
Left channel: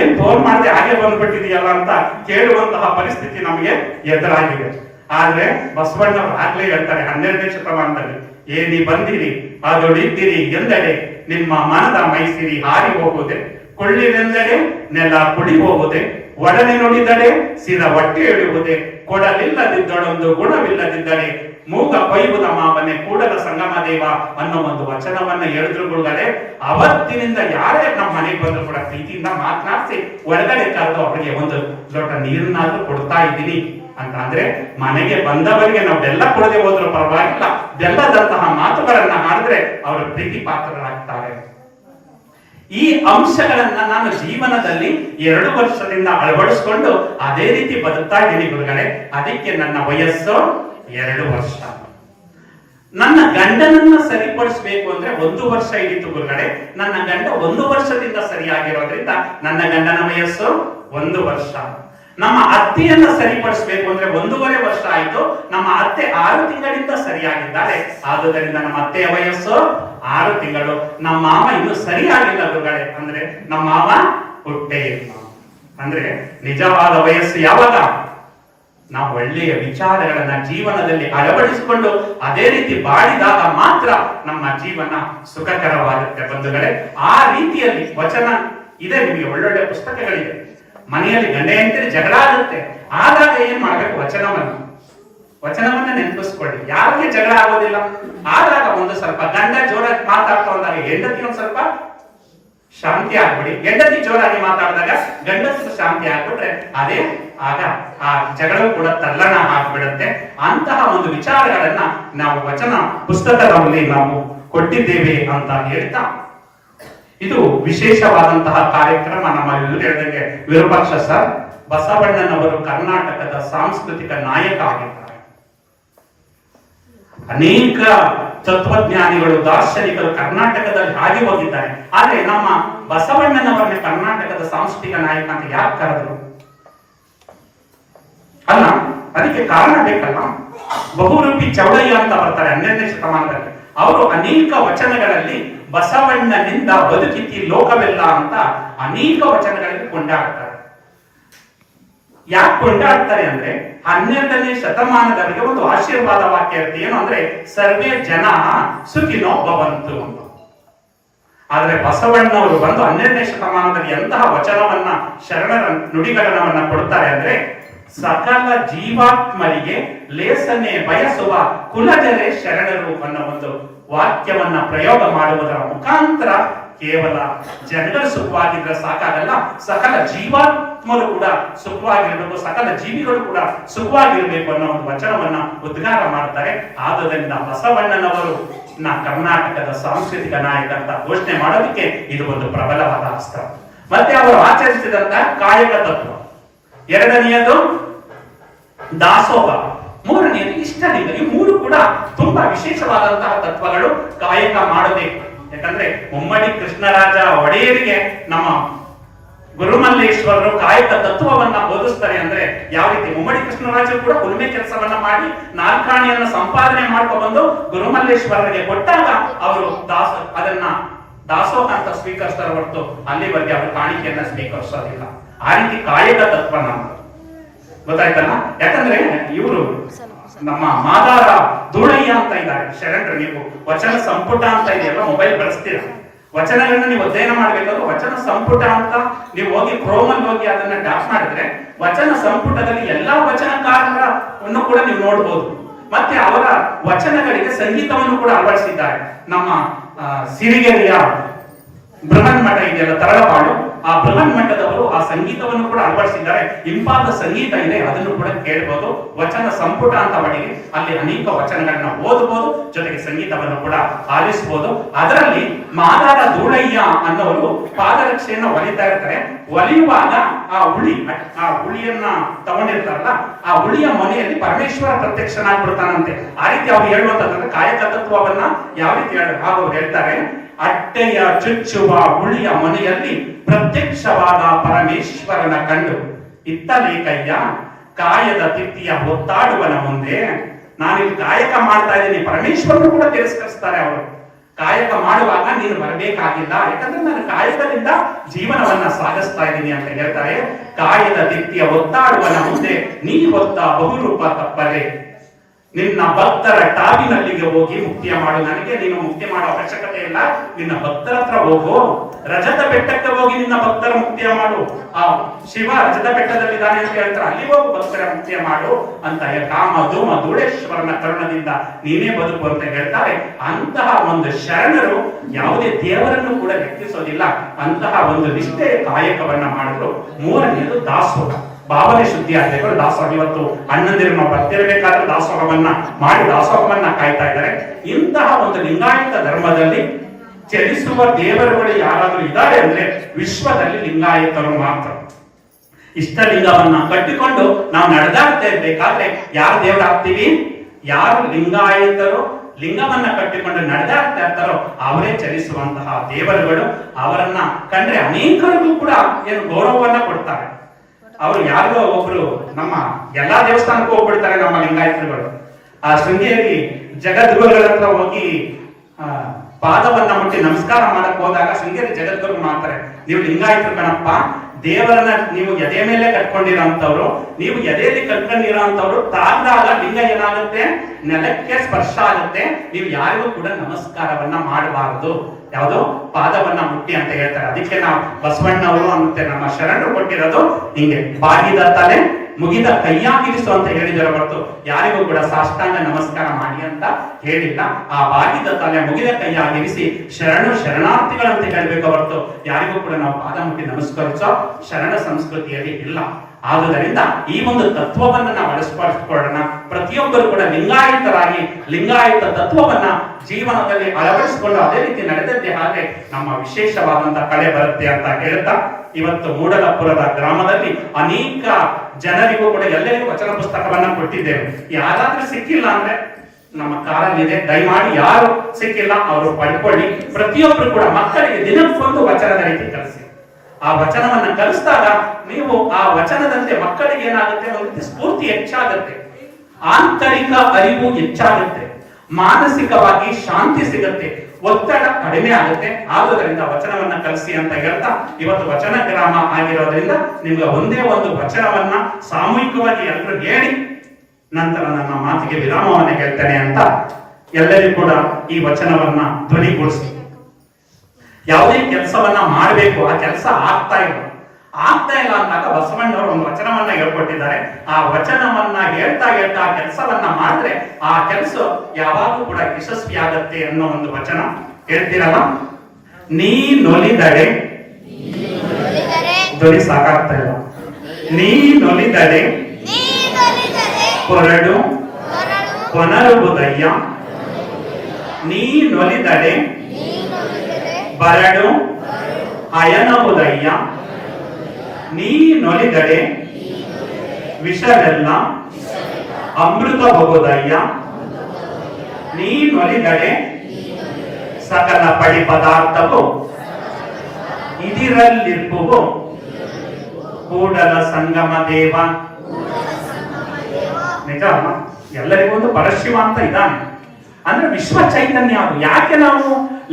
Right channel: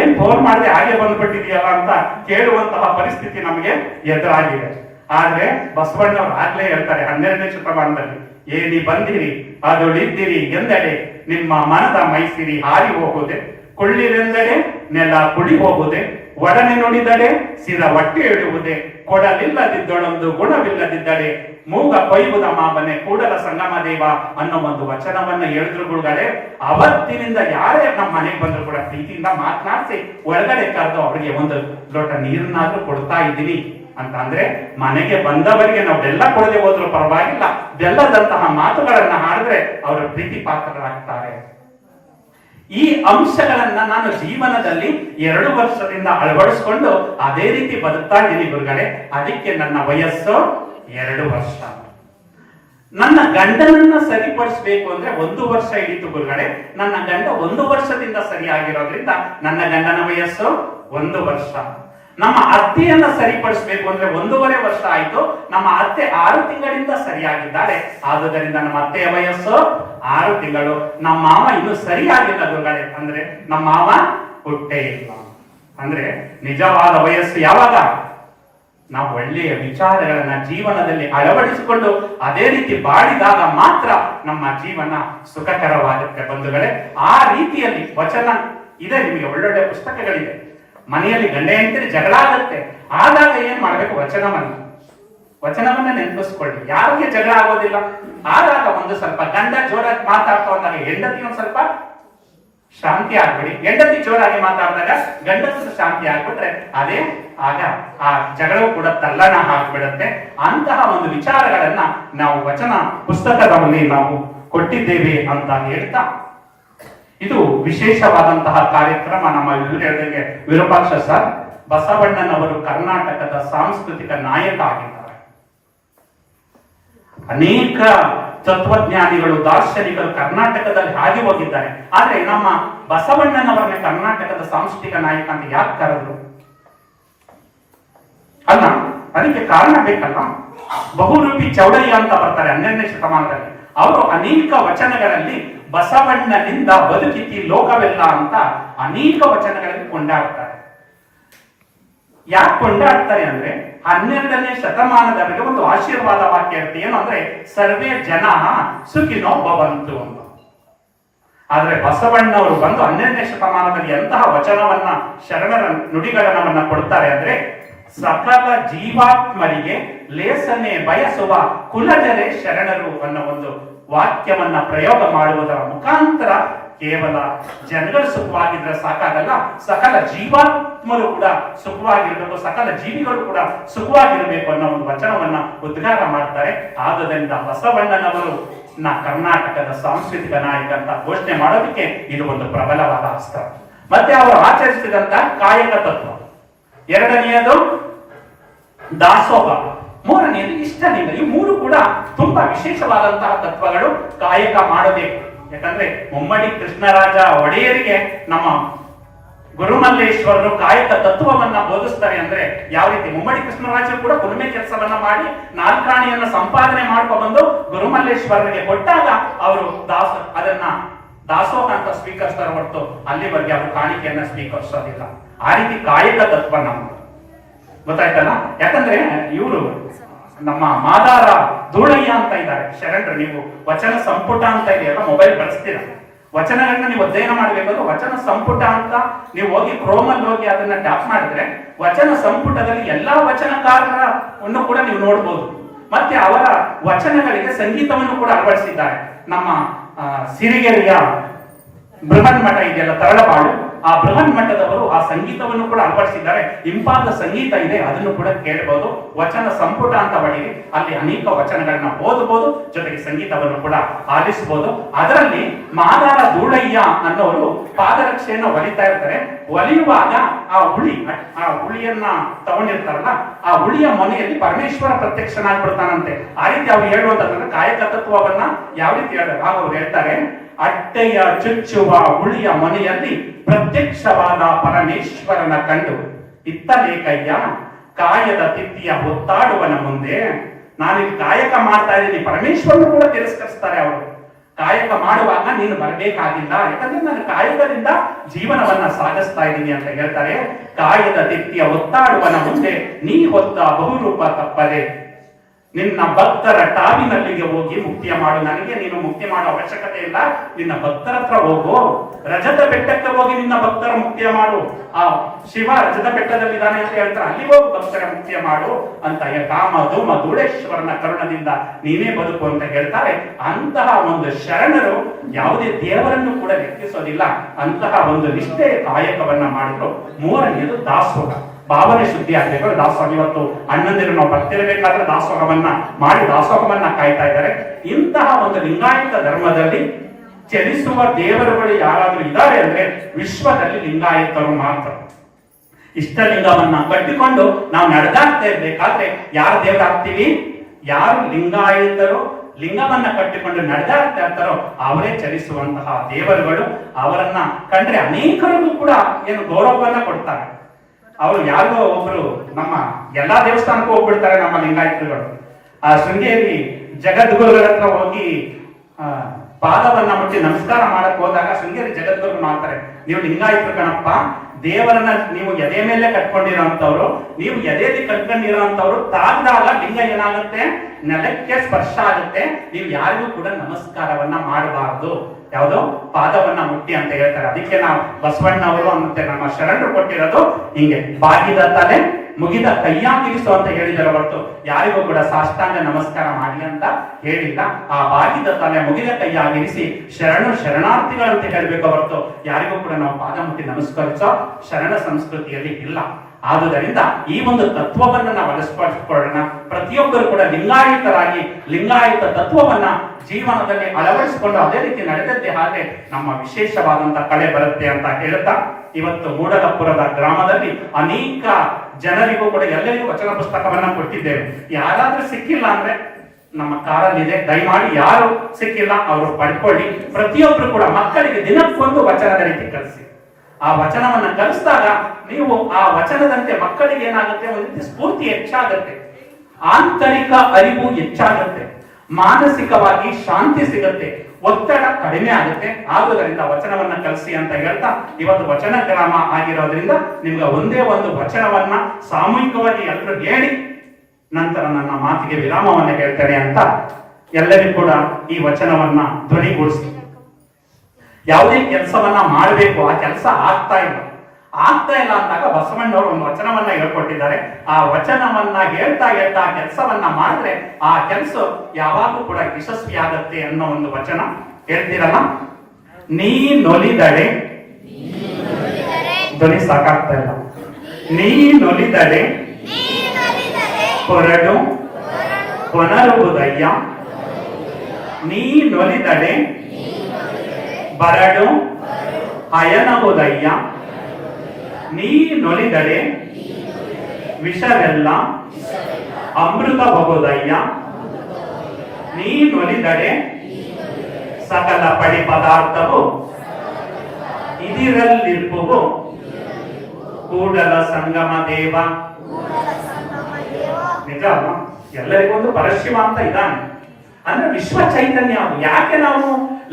ಏನ್ ಫೋನ್ ಮಾಡಿದ್ರೆ ಹಾಗೆ ಬಂದ್ಬಿಟ್ಟಿದೆಯಲ್ಲ ಅಂತ ಕೇಳುವಂತಹ ಪರಿಸ್ಥಿತಿ ನಮಗೆ ಎದುರಾಗಿದೆ. ಆದ್ರೆ ಬಸವಣ್ಣವ್ರು ಆಗ್ಲೇ ಹೇಳ್ತಾರೆ 12ನೇ ಶತಮಾನದಲ್ಲಿ, ಏನಿ ಬಂದಿರಿ ಅದೊಳಿದ್ದೀರಿ ಎಂದೆಡೆ ನಿಮ್ಮ ಮನದ ಮೈಸಿರಿ ಹಾರಿ ಹೋಗುವುದೇ, ಕೊಳ್ಳಿರೆಂದೆಡೆ ನೆಲ ಕುಡಿ ಹೋಗುವುದೇ, ಒಡನೆ ನುಡಿದಡೆ ಸಿದ ಹೊಟ್ಟೆ ಇಡುವುದೇ, ಕೊಡಲಿಲ್ಲದಿದ್ದಳೊಂದು ಗುಣವಿಲ್ಲದಿದ್ದರೆ ಮೂಗ ಪೈಬುದ ಮಾವನೆ ಕೂಡಲ ಸಂಗಮ ದೇವ ಅನ್ನೋ ಒಂದು ವಚನವನ್ನ ಹೇಳಿದ್ರು ಗುರುಗಳೇ. ಅವತ್ತಿನಿಂದ ಯಾರೇ ನಮ್ಮ ಮನೆಗೆ ಬಂದ್ರು ಕೂಡ ಪ್ರೀತಿಯಿಂದ ಮಾತನಾಡಿಸಿ ಒಳಗಡೆ ಕರೆದು ಅವರಿಗೆ ಒಂದು ಲೋಟ ನೀರನ್ನಾದ್ರೂ ಕೊಡ್ತಾ ಇದ್ದೀವಿ ಅಂತ. ಅಂದ್ರೆ ಮನೆಗೆ ಬಂದವರಿಗೆ ನಾವು ಬೆಲ್ಲ ಕೊಡದೆ ಹೋದ್ರು ಪರವಾಗಿಲ್ಲ, ಬೆಲ್ಲದಂತಹ ಮಾತುಗಳನ್ನ ಆಡಿದ್ರೆ ಅವರು ಪ್ರೀತಿ ಪಾತ್ರರಾಗ್ತಾರೆ. ಈ ಅಂಶಗಳನ್ನ ನಾನು ಜೀವನದಲ್ಲಿ 2 ವರ್ಷದಿಂದ ಅಳವಡಿಸಿಕೊಂಡು ಅದೇ ರೀತಿ ಬದುಕ್ತಾ ಇದ್ದೀನಿ ಗುರುಗಳೇ. ಅದಕ್ಕೆ ನನ್ನ ವಯಸ್ಸು 2 ವರ್ಷ. ನನ್ನ ಗಂಡನನ್ನ ಸರಿಪಡಿಸಬೇಕು ಅಂದ್ರೆ 1 ವರ್ಷ ಹಿಡಿತು ಗುರುಗಳೇ. ನನ್ನ ಗಂಡ 1 ವರ್ಷದಿಂದ ಸರಿಯಾಗಿರೋದ್ರಿಂದ ನನ್ನ ಗಂಡನ ವಯಸ್ಸು 1 ವರ್ಷ. ನಮ್ಮ ಅತ್ತೆಯನ್ನ ಸರಿಪಡಿಸಬೇಕು ಅಂದ್ರೆ 1.5 ವರ್ಷ ಆಯ್ತು. ನಮ್ಮ ಅತ್ತೆ 6 ತಿಂಗಳಿಂದ ಸರಿಯಾಗಿದ್ದಾರೆ. ಆದುದರಿಂದ ನಮ್ಮ ಅತ್ತೆಯ ವಯಸ್ಸು 6 ತಿಂಗಳು. ನಮ್ಮ ಮಾವ ಇನ್ನು ಸರಿಯಾಗಿಲ್ಲ ಗುರುಗಳೇ. ಅಂದ್ರೆ ನಮ್ಮ ಮಾವ ಹುಟ್ಟೇ ಇಲ್ಲ. ಅಂದ್ರೆ ನಿಜವಾದ ವಯಸ್ಸು ಯಾವಾಗ ನಾವು ಒಳ್ಳೆಯ ವಿಚಾರಗಳನ್ನ ಜೀವನದಲ್ಲಿ ಅಳವಡಿಸಿಕೊಂಡು ಅದೇ ರೀತಿ ಬಾಳಿದಾಗ ಮಾತ್ರ ನಮ್ಮ ಜೀವನ ಸುಖಕರವಾಗುತ್ತೆ ಬಂಧುಗಳೇ. ಆ ರೀತಿಯಲ್ಲಿ ವಚನ ಇದೆ, ನಿಮಗೆ ಒಳ್ಳೊಳ್ಳೆ ಪುಸ್ತಕಗಳಿದೆ. ಮನೆಯಲ್ಲಿ ಗಂಡ ಹೆಂಡತಿ ಜಗಳ ಆಗುತ್ತೆ, ಆದಾಗ ಏನ್ ಮಾಡ್ಬೇಕು, ವಚನವನ್ನ ನೆನಪಿಸ್ಕೊಳ್ಳಿ. ಯಾರಿಗೆ ಜಗಳ ಆಗೋದಿಲ್ಲ, ಆದಾಗ ಒಂದು ಸ್ವಲ್ಪ ಗಂಡ ಜೋರಾಗಿ ಮಾತಾಡ್ತಾ ಹೋದಾಗ ಹೆಂಡತಿ ಒಂದ್ ಸ್ವಲ್ಪ ಶಾಂತಿ ಆಗ್ಬಿಡಿ. ಹೆಂಡತಿ ಜೋರಾಗಿ ಮಾತಾಡಿದಾಗ ಗಂಡಸರು ಶಾಂತಿ ಆಗ್ಬಿಟ್ರೆ ಅದೇ ಆಗ ಆ ಜಗಳವು ಕೂಡ ತಲ್ಲಣ ಆಗ್ಬಿಡುತ್ತೆ. ಅಂತಹ ಒಂದು ವಿಚಾರಗಳನ್ನ ನಾವು ವಚನ ಪುಸ್ತಕದಲ್ಲಿ ನಾವು ಕೊಟ್ಟಿದ್ದೇವೆ ಅಂತ ಹೇಳ್ತಾ, ಇದು ವಿಶೇಷವಾದಂತಹ ಕಾರ್ಯಕ್ರಮ. ನಮ್ಮ ಹೇಳಿದಂಗೆ ವಿರೂಪಾಕ್ಷ ಸರ್ ಬಸವಣ್ಣನವರು ಕರ್ನಾಟಕದ ಸಾಂಸ್ಕೃತಿಕ ನಾಯಕ ಆಗಿದ್ದಾರೆ. ಅನೇಕ ತತ್ವಜ್ಞಾನಿಗಳು ದಾರ್ಶನಿಕರು ಕರ್ನಾಟಕದಲ್ಲಿ ಹಾಗೆ ಹೋಗಿದ್ದಾರೆ. ಆದ್ರೆ ನಮ್ಮ ಬಸವಣ್ಣನವರನ್ನ ಕರ್ನಾಟಕದ ಸಾಂಸ್ಕೃತಿಕ ನಾಯಕ ಅಂತ ಯಾಕೆ ಕರೆದ್ರು ಅಲ್ಲ, ಅದಕ್ಕೆ ಕಾರಣ ಬೇಕಲ್ಲ. ಬಹುರೂಪಿ ಚೌಡಯ್ಯ ಅಂತ ಬರ್ತಾರೆ 12ನೇ ಶತಮಾನದಲ್ಲಿ. ಅವರು ಅನೇಕ ವಚನಗಳಲ್ಲಿ ಬಸವಣ್ಣನಿಂದ ಬದುಕಿತಿ ಲೋಕವೆಲ್ಲ ಅಂತ ಅನೇಕ ವಚನಗಳಲ್ಲಿ ಕೊಂಡಾಡ್ತಾರೆ. ಯಾಕೆ ಕೊಂಡಾಡ್ತಾರೆ ಅಂದ್ರೆ 12ನೇ ಶತಮಾನದವರೆಗೆ ಒಂದು ಆಶೀರ್ವಾದ ವಾಕ್ಯ ಇರುತ್ತೆ. ಏನು ಅಂದ್ರೆ ಸರ್ವೇ ಜನ ಸುಖಿನೋ ಭವಂತು ಅಂತ. ಆದ್ರೆ ಬಸವಣ್ಣವರು ಬಂದು 12ನೇ ಶತಮಾನದಲ್ಲಿ ಎಂತಹ ವಚನವನ್ನ ಶರಣರ ನುಡಿಗಣನವನ್ನ ಕೊಡ್ತಾರೆ ಅಂದ್ರೆ, ಸಕಲ ಜೀವಾತ್ಮರಿಗೆ ಲೇಸನೆ ಬಯಸುವ ಕುಲಜರೇ ಶರಣರು ಅನ್ನೋ ಒಂದು ವಾಕ್ಯವನ್ನ ಪ್ರಯೋಗ ಮಾಡುವುದರ ಮುಖಾಂತರ ಕೇವಲ ಜನಗಳು ಸುಖವಾಗಿದ್ರೆ ಸಾಕಾಗಲ್ಲ, ಸಕಲ ಜೀವಾತ್ಮರು ಕೂಡ ಸುಖವಾಗಿರ್ಬೇಕು, ಸಕಲ ಜೀವಿಗಳು ಕೂಡ ಸುಖವಾಗಿರ್ಬೇಕು ಅನ್ನೋ ಒಂದು ವಚನವನ್ನ ಉದ್ಗಾರ ಮಾಡ್ತಾರೆ. ಆದುದರಿಂದ ಬಸವಣ್ಣನವರು ಕರ್ನಾಟಕದ ಸಾಂಸ್ಕೃತಿಕ ನಾಯಕ ಅಂತ ಘೋಷಣೆ ಮಾಡೋದಕ್ಕೆ ಇದು ಒಂದು ಪ್ರಬಲವಾದ ಅಸ್ತ್ರ. ಮತ್ತೆ ಅವರು ಆಚರಿಸಿದಂತ ಕಾಯಕ ತತ್ವ, 2ನೇಯದು ದಾಸೋಹ, 3ನೇದು ಇಷ್ಟ ನಿಗ್ರಹ. ಈ 3 ಕೂಡ ತುಂಬಾ ವಿಶೇಷವಾದಂತಹ ತತ್ವಗಳು. ಕಾಯಕ ಮಾಡಬೇಕು, ಯಾಕಂದ್ರೆ ಮುಮ್ಮಡಿ ಕೃಷ್ಣರಾಜ ಒಡೆಯರಿಗೆ ನಮ್ಮ ಗುರುಮಲ್ಲೇಶ್ವರರು ಕಾಯಕ ತತ್ವವನ್ನ ಬೋಧಿಸ್ತಾರೆ. ಅಂದ್ರೆ ಯಾವ ರೀತಿ ಮುಮ್ಮಡಿ ಕೃಷ್ಣರಾಜ ಕೂಡ ಉಳ್ಮೆ ಕೆಲಸವನ್ನ ಮಾಡಿ ನಾಲ್ಕಾಣಿಯನ್ನ ಸಂಪಾದನೆ ಮಾಡ್ಕೊಂಡು ಬಂದು ಗುರುಮಲ್ಲೇಶ್ವರರಿಗೆ ಕೊಟ್ಟಾಗ ಅವರು ಅದನ್ನ ದಾಸೋಹ ಅಂತ ಸ್ವೀಕರಿಸ್ತಾರೆ ಹೊರತು ಅಲ್ಲಿವರೆಗೆ ಅವರು ಕಾಣಿಕೆಯನ್ನ ಸ್ವೀಕರಿಸೋದಿಲ್ಲ. ಆ ರೀತಿ ಕಾಯಕ ತತ್ವ ನಮ್ಮ ಗೊತ್ತಾಯ್ತಲ್ಲ. ಯಾಕಂದ್ರೆ ಇವರು ನಮ್ಮ ಮಾದಾರ ಧೂಳಯ್ಯ ಅಂತ ಇದ್ದಾರೆ ಶರಣರು. ನೀವು ವಚನ ಸಂಪುಟ ಅಂತ ಇದೆಯಲ್ಲ, ಮೊಬೈಲ್ ಬಳಸ್ತೀರ, ವಚನಗಳನ್ನ ನೀವು ಅಧ್ಯಯನ ಮಾಡ್ಬೇಕಾದ್ರೆ ವಚನ ಸಂಪುಟ ಅಂತ ನೀವು ಹೋಗಿ ಕ್ರೋಮಲ್ಲಿ ಹೋಗಿ ಅದನ್ನ ಟ್ಯಾಪ್ ಮಾಡಿದ್ರೆ ವಚನ ಸಂಪುಟದಲ್ಲಿ ಎಲ್ಲಾ ವಚನಕಾರರನ್ನು ಕೂಡ ನೀವು ನೋಡ್ಬೋದು. ಮತ್ತೆ ಅವರ ವಚನಗಳಿಗೆ ಸಂಗೀತವನ್ನು ಕೂಡ ಅಳವಡಿಸಿದ್ದಾರೆ. ನಮ್ಮ ಸಿರಿಗೆರೆಯ ಬೃಹನ್ ಮಠ ಇದೆಯಲ್ಲ, ತರಳಬಾಳು, ಆ ಬೃಹನ್ ಮಠದವರು ಆ ಸಂಗೀತವನ್ನು ಕೂಡ ಅಳವಡಿಸಿದ್ದಾರೆ. ಇಂಪಾದ ಸಂಗೀತ ಇದೆ, ಅದನ್ನು ಕೂಡ ಕೇಳಬಹುದು. ವಚನ ಸಂಪುಟ ಅಂತ ಬಳಿ ಅಲ್ಲಿ ಅನೇಕ ವಚನಗಳನ್ನ ಓದಬಹುದು, ಜೊತೆಗೆ ಸಂಗೀತವನ್ನು ಕೂಡ ಆಲಿಸಬಹುದು. ಅದರಲ್ಲಿ ಮಾದಾರ ಧೂಳಯ್ಯ ಅನ್ನೋರು ಪಾದರಕ್ಷೆಯನ್ನು ಹೊಲಿತಾ ಇರ್ತಾರೆ. ಹೊಲಿಯುವಾಗ ಆ ಹುಳಿಯನ್ನ ತಗೊಂಡಿರ್ತಾರಲ್ಲ, ಆ ಹುಳಿಯ ಮನೆಯಲ್ಲಿ ಪರಮೇಶ್ವರ ಪ್ರತ್ಯಕ್ಷನಾಗ್ಬಿಡ್ತಾನಂತೆ. ಆ ರೀತಿ ಅವ್ರು ಹೇಳುವಂತಂದ್ರೆ ಕಾಯಕತತ್ವವನ್ನ ಯಾವ ರೀತಿ ಅವ್ರು ಹೇಳ್ತಾರೆ, ಅಟ್ಟೆಯ ಚುಚ್ಚುವ ಹುಳಿಯ ಮನೆಯಲ್ಲಿ ಪ್ರತ್ಯಕ್ಷವಾದ ಪರಮೇಶ್ವರನ ಕಂಡು ಇತ್ತಲೇ ಕಯ್ಯ ಕಾಯದ ತಿಥಿಯ ಹೊತ್ತಾಡುವನ ಮುಂದೆ. ನಾನಿಲ್ಲಿ ಕಾಯಕ ಮಾಡ್ತಾ ಇದ್ದೀನಿ, ಪರಮೇಶ್ವರನು ಕೂಡ ತಿರಸ್ಕರಿಸ್ತಾರೆ ಅವರು. ಕಾಯಕ ಮಾಡುವಾಗ ನೀನು ಬರಬೇಕಾಗಿಲ್ಲ, ಯಾಕಂದ್ರೆ ನಾನು ಕಾಯಕದಿಂದ ಜೀವನವನ್ನ ಸಾಗಿಸ್ತಾ ಇದ್ದೀನಿ ಅಂತ ಹೇಳ್ತಾರೆ. ಕಾಯದ ತಿಥಿಯ ಹೊತ್ತಾಡುವನ ಮುಂದೆ ನೀ ಹೊತ್ತ ಬಹುರೂಪ ತಪ್ಪರೆ. ನಿನ್ನ ಭಕ್ತರ ಟಾಬಿನಲ್ಲಿಗೆ ಹೋಗಿ ಮುಕ್ತಿಯ ಮಾಡು. ನನಗೆ ನೀನು ಮುಕ್ತಿ ಮಾಡೋ ಅವಶ್ಯಕತೆ ಇಲ್ಲ, ನಿನ್ನ ಭಕ್ತರ ಹತ್ರ ಹೋಗು. ರಜತ ಬೆಟ್ಟಕ್ಕೆ ಹೋಗಿ ನಿನ್ನ ಭಕ್ತರ ಮುಕ್ತಿಯ ಮಾಡು. ಆ ಶಿವ ರಜತ ಬೆಟ್ಟದಲ್ಲಿದ್ದಾನೆ ಅಂತ ಹೇಳ್ತಾರೆ, ಅಲ್ಲಿ ಹೋಗು ಭಕ್ತರ ಮುಕ್ತಿಯ ಮಾಡು ಅಂತ ಕಾಮ ಧೂಮ ಧೂಳೇಶ್ವರನ ಕರುಣದಿಂದ ನೀನೇ ಬದುಕು ಅಂತ ಹೇಳ್ತಾರೆ. ಅಂತಹ ಒಂದು ಶರಣರು ಯಾವುದೇ ದೇವರನ್ನು ಕೂಡ ಲೆಕ್ಕಿಸೋದಿಲ್ಲ. ಅಂತಹ ಒಂದು ನಿಷ್ಠೆ ಕಾಯಕವನ್ನ ಮಾಡಲು. ಮೂರನೇದು ದಾಸೋಹ, ಭಾವನೆ ಶುದ್ಧಿ ಆಗಬೇಕು. ದಾಸೋಹ ಇವತ್ತು ಅಣ್ಣಂದಿರು ನಾವು ಬರ್ತಿರ್ಬೇಕಾದ್ರೆ ದಾಸೋಹವನ್ನ ಮಾಡಿ ದಾಸೋಹವನ್ನ ಕಾಯ್ತಾ ಇದ್ದಾರೆ. ಇಂತಹ ಒಂದು ಲಿಂಗಾಯತ ಧರ್ಮದಲ್ಲಿ ಚಲಿಸುವ ದೇವರುಗಳು ಯಾರಾದ್ರೂ ಇದ್ದಾರೆ ಅಂದ್ರೆ ವಿಶ್ವದಲ್ಲಿ ಲಿಂಗಾಯತರು ಮಾತ್ರ. ಇಷ್ಟಲಿಂಗವನ್ನ ಕಟ್ಟಿಕೊಂಡು ನಾವು ನಡೆದಾಡ್ತಾ ಇರ್ಬೇಕಾದ್ರೆ ಯಾರು ದೇವರಾಗ್ತೀವಿ? ಯಾರು ಲಿಂಗಾಯತರು ಲಿಂಗವನ್ನ ಕಟ್ಟಿಕೊಂಡು ನಡೆದಾಡ್ತಾ ಇರ್ತಾರೋ ಅವರೇ ಚಲಿಸುವಂತಹ ದೇವರುಗಳು. ಅವರನ್ನ ಕಂಡ್ರೆ ಅನೇಕರಿಗೂ ಕೂಡ ಏನು ಗೌರವವನ್ನ ಕೊಡ್ತಾರೆ. ಅವರು ಯಾರಿಗೋ ಒಬ್ರು ನಮ್ಮ ಎಲ್ಲಾ ದೇವಸ್ಥಾನಕ್ಕೂ ಹೋಗ್ಬಿಡ್ತಾರೆ ನಮ್ಮ ಲಿಂಗಾಯತರುಗಳು. ಆ ಶೃಂಗೇರಿ ಜಗದ್ಗುರುಗಳ ಹತ್ರ ಹೋಗಿ ಪಾದವನ್ನ ಮುಟ್ಟಿ ನಮಸ್ಕಾರ ಮಾಡಕ್ ಹೋದಾಗ ಶೃಂಗೇರಿ ಜಗದ್ಗುರು ಮಾಡ್ತಾರೆ, ನೀವು ಲಿಂಗಾಯತರು ಕಣಪ್ಪ, ದೇವರನ್ನ ನೀವು ಎದೆ ಮೇಲೆ ಕಟ್ಕೊಂಡಿರೋಂಥವ್ರು, ನೀವು ಎದೆಯಲ್ಲಿ ಕಟ್ಕೊಂಡಿರೋಂಥವ್ರು ತಾಗ್ದಾಗ ಲಿಂಗ ಏನಾಗುತ್ತೆ? ನೆಲಕ್ಕೆ ಸ್ಪರ್ಶ ಆಗುತ್ತೆ. ನೀವು ಯಾರಿಗೂ ಕೂಡ ನಮಸ್ಕಾರವನ್ನ ಮಾಡಬಾರದು, ಯಾವುದೋ ಪಾದವನ್ನ ಮುಟ್ಟಿ ಅಂತ ಹೇಳ್ತಾರೆ. ಅದಕ್ಕೆ ನಾವು ಬಸವಣ್ಣವರು ಮತ್ತೆ ನಮ್ಮ ಶರಣರು ಕೊಟ್ಟಿರೋದು ಹಿಂಗೆ ಬಾಗಿದ ತಲೆ ಮುಗಿದ ಕೈಯಾಗಿರಿಸು ಅಂತ ಹೇಳಿದರ ಹೊರತು ಯಾರಿಗೂ ಕೂಡ ಸಾಷ್ಟಾಂಗ ನಮಸ್ಕಾರ ಮಾಡಿ ಅಂತ ಹೇಳಿಲ್ಲ. ಆ ಬಾಗಿದ ತಲೆ ಮುಗಿದ ಕೈಯಾಗಿರಿಸಿ ಶರಣಾರ್ಥಿಗಳಂತ ಹೇಳಬೇಕು ಹೊರತು ಯಾರಿಗೂ ಕೂಡ ನಾವು ಪಾದ ಮುಟ್ಟಿ ನಮಸ್ಕರಿಸೋ ಶರಣ ಸಂಸ್ಕೃತಿಯಲ್ಲಿ ಇಲ್ಲ. ಆದುದರಿಂದ ಈ ಒಂದು ತತ್ವವನ್ನು ನಾವು ಅಳವಡಿಸಿಕೊಳ್ಳೋಣ. ಪ್ರತಿಯೊಬ್ಬರು ಕೂಡ ಲಿಂಗಾಯತರಾಗಿ ಲಿಂಗಾಯತ ತತ್ವವನ್ನ ಜೀವನದಲ್ಲಿ ಅಳವಡಿಸಿಕೊಂಡು ಅದೇ ರೀತಿ ನಡೆದದ್ದೇ ಹಾಗೆ ನಮ್ಮ ವಿಶೇಷವಾದಂತಹ ಕಳೆ ಬರುತ್ತೆ ಅಂತ ಹೇಳ್ತಾ, ಇವತ್ತು ಮೂಡಲಪುರದ ಗ್ರಾಮದಲ್ಲಿ ಅನೇಕ ಜನರಿಗೂ ಕೂಡ ಎಲ್ಲರಿಗೂ ವಚನ ಪುಸ್ತಕವನ್ನ ಕೊಟ್ಟಿದ್ದೇವೆ. ಯಾರಾದ್ರೂ ಸಿಕ್ಕಿಲ್ಲ ಅಂದ್ರೆ ನಮ್ಮ ಕಾರಲ್ಲಿದೆ, ದಯಮಾಡಿ ಯಾರು ಸಿಕ್ಕಿಲ್ಲ ಅವರು ಪಡ್ಕೊಳ್ಳಿ. ಪ್ರತಿಯೊಬ್ಬರು ಕೂಡ ಮಕ್ಕಳಿಗೆ ದಿನಕ್ಕೊಂದು ವಚನದ ರೀತಿ ಕಲಿಸಿ. ಆ ವಚನವನ್ನ ಕಲಿಸಿದಾಗ ನೀವು ಆ ವಚನದಂತೆ ಮಕ್ಕಳಿಗೆ ಏನಾಗುತ್ತೆ, ಒಂದು ಸ್ಫೂರ್ತಿ ಹೆಚ್ಚಾಗುತ್ತೆ, ಆಂತರಿಕ ಅರಿವು ಹೆಚ್ಚಾಗುತ್ತೆ, ಮಾನಸಿಕವಾಗಿ ಶಾಂತಿ ಸಿಗುತ್ತೆ, ಒತ್ತಡ ಕಡಿಮೆ ಆಗುತ್ತೆ. ಆದುದರಿಂದ ವಚನವನ್ನ ಕಲಿಸಿ ಅಂತ ಹೇಳ್ತಾ, ಇವತ್ತು ವಚನ ಗ್ರಾಮ ಆಗಿರೋದ್ರಿಂದ ನಿಮ್ಗೆ ಒಂದೇ ಒಂದು ವಚನವನ್ನ ಸಾಮೂಹಿಕವಾಗಿ ಎಲ್ಲರೂ ಹೇಳಿ ನಂತರ ನನ್ನ ಮಾತಿಗೆ ವಿರಾಮವನ್ನ ಹೇಳ್ತೇನೆ ಅಂತ ಎಲ್ಲರಿಗೂ ಕೂಡ ಈ ವಚನವನ್ನ ಧ್ವನಿಗೂಡಿಸಿ. ಯಾವುದೇ ಕೆಲಸವನ್ನ ಮಾಡಬೇಕು, ಆ ಕೆಲಸ ಆಗ್ತಾ ಇಲ್ಲ ಅಂದಾಗ ಬಸವಣ್ಣವರು ಒಂದು ವಚನವನ್ನ ಹೇಳ್ಕೊಟ್ಟಿದ್ದಾರೆ. ಆ ವಚನವನ್ನ ಹೇಳ್ತಾ ಆ ಕೆಲಸವನ್ನ ಮಾಡಿದ್ರೆ ಆ ಕೆಲಸ ಯಾವಾಗೂ ಕೂಡ ಯಶಸ್ವಿ ಆಗತ್ತೆ ಅನ್ನೋ ಒಂದು ವಚನ ಹೇಳ್ತೀರಲ್ಲ. ನೀ ನೊಲಿದಡೆ, ಧ್ವನಿ ಸಾಕಾಗ್ತಾ ಇಲ್ಲ, ನೀ ನೊಲಿದಡೆ ಕೊರಡು ಕೊನರುವುದಯ್ಯ, ನೀ ನೊಲಿದಡೆ ಬರಡು ಅಯನವುದಯ್ಯ, ನೀ ನೊಲಿದಡೆ ವಿಷವೆಲ್ಲ ಅಮೃತಬಹುದಯ್ಯ, ನೀ ನೊಲಿದಡೆ ಸಕಲ ಪಡಿ ಪದಾರ್ಥವು ಇದಿರಲ್ಲಿರ್ಪುವು ಕೂಡಲ ಸಂಗಮ ದೇವ. ನಿಜ, ಎಲ್ಲರಿಗೊಂದು ಪರಶಿವ ಅಂತ ಇದ್ದಾನೆ ಅಂದ್ರೆ ವಿಶ್ವ ಚೈತನ್ಯ. ಅದು ಯಾಕೆ ನಾವು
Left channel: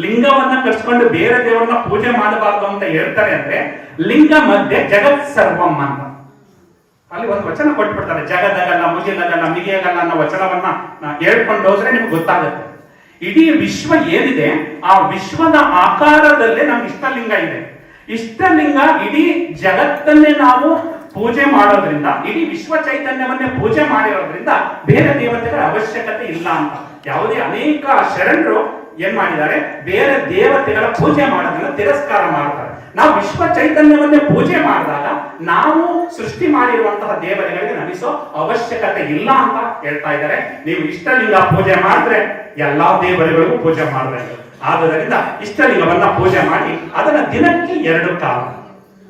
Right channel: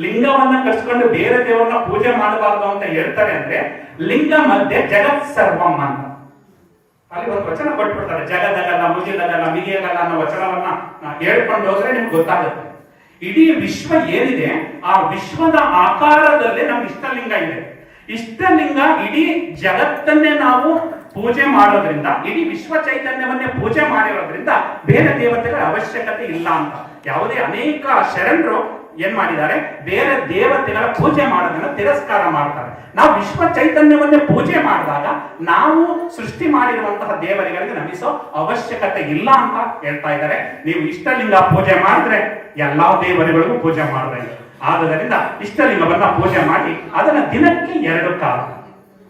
ಲಿಂಗವನ್ನ ಕಟ್ಸ್ಕೊಂಡು ಬೇರೆ ದೇವರನ್ನ ಪೂಜೆ ಮಾಡಬಾರದು ಅಂತ ಹೇಳ್ತಾರೆ ಅಂದ್ರೆ, ಲಿಂಗ ಮಧ್ಯೆ ಜಗತ್ ಸರ್ವಂ ಅಂತ. ಅಲ್ಲಿ ಒಂದು ವಚನ ಕೊಟ್ಬಿಡ್ತಾರೆ, ಜಗದಗಲ್ಲ ಮುಗಿದಗಲ್ಲ ಮಿಗಿಯಗಲ್ಲ ಅನ್ನೋ ವಚನವನ್ನ ಹೇಳ್ಕೊಂಡು ಹೋದ್ರೆ ನಿಮ್ಗೆ ಗೊತ್ತಾಗುತ್ತೆ. ಇಡೀ ವಿಶ್ವ ಏನಿದೆ ಆ ವಿಶ್ವದ ಆಕಾರದಲ್ಲೇ ನಮ್ಗೆ ಇಷ್ಟಲಿಂಗ ಇದೆ. ಇಷ್ಟಲಿಂಗ ಇಡೀ ಜಗತ್ತನ್ನೇ ನಾವು ಪೂಜೆ ಮಾಡೋದ್ರಿಂದ, ಇಡೀ ವಿಶ್ವ ಚೈತನ್ಯವನ್ನೇ ಪೂಜೆ ಮಾಡಿರೋದ್ರಿಂದ ಬೇರೆ ದೇವತೆಗಳ ಅವಶ್ಯಕತೆ ಇಲ್ಲ ಅಂತ. ಯಾವುದೇ ಅನೇಕ ಶರಣರು ಏನ್ ಮಾಡಿದ್ದಾರೆ, ಬೇರೆ ದೇವತೆಗಳ ಪೂಜೆ ಮಾಡೋದನ್ನ ತಿರಸ್ಕಾರ ಮಾಡ್ತಾರೆ. ನಾವು ವಿಶ್ವ ಚೈತನ್ಯವನ್ನೇ ಪೂಜೆ ಮಾಡಿದಾಗ ನಾವು ಸೃಷ್ಟಿ ಮಾಡಿರುವಂತಹ ದೇವರುಗಳಿಗೆ ನಮಿಸೋ ಅವಶ್ಯಕತೆ ಇಲ್ಲ ಅಂತ ಹೇಳ್ತಾ ಇದ್ದಾರೆ. ನೀವು ಇಷ್ಟಲಿಂಗ ಪೂಜೆ ಮಾಡಿದ್ರೆ ಎಲ್ಲಾ ದೇವರುಗಳಿಗೂ ಪೂಜೆ ಮಾಡಬೇಕು. ಆದ್ದರಿಂದ ಇಷ್ಟಲಿಂಗವನ್ನ ಪೂಜೆ ಮಾಡಿ ಅದನ್ನ ದಿನಕ್ಕೆ 2 ಕಾಲ.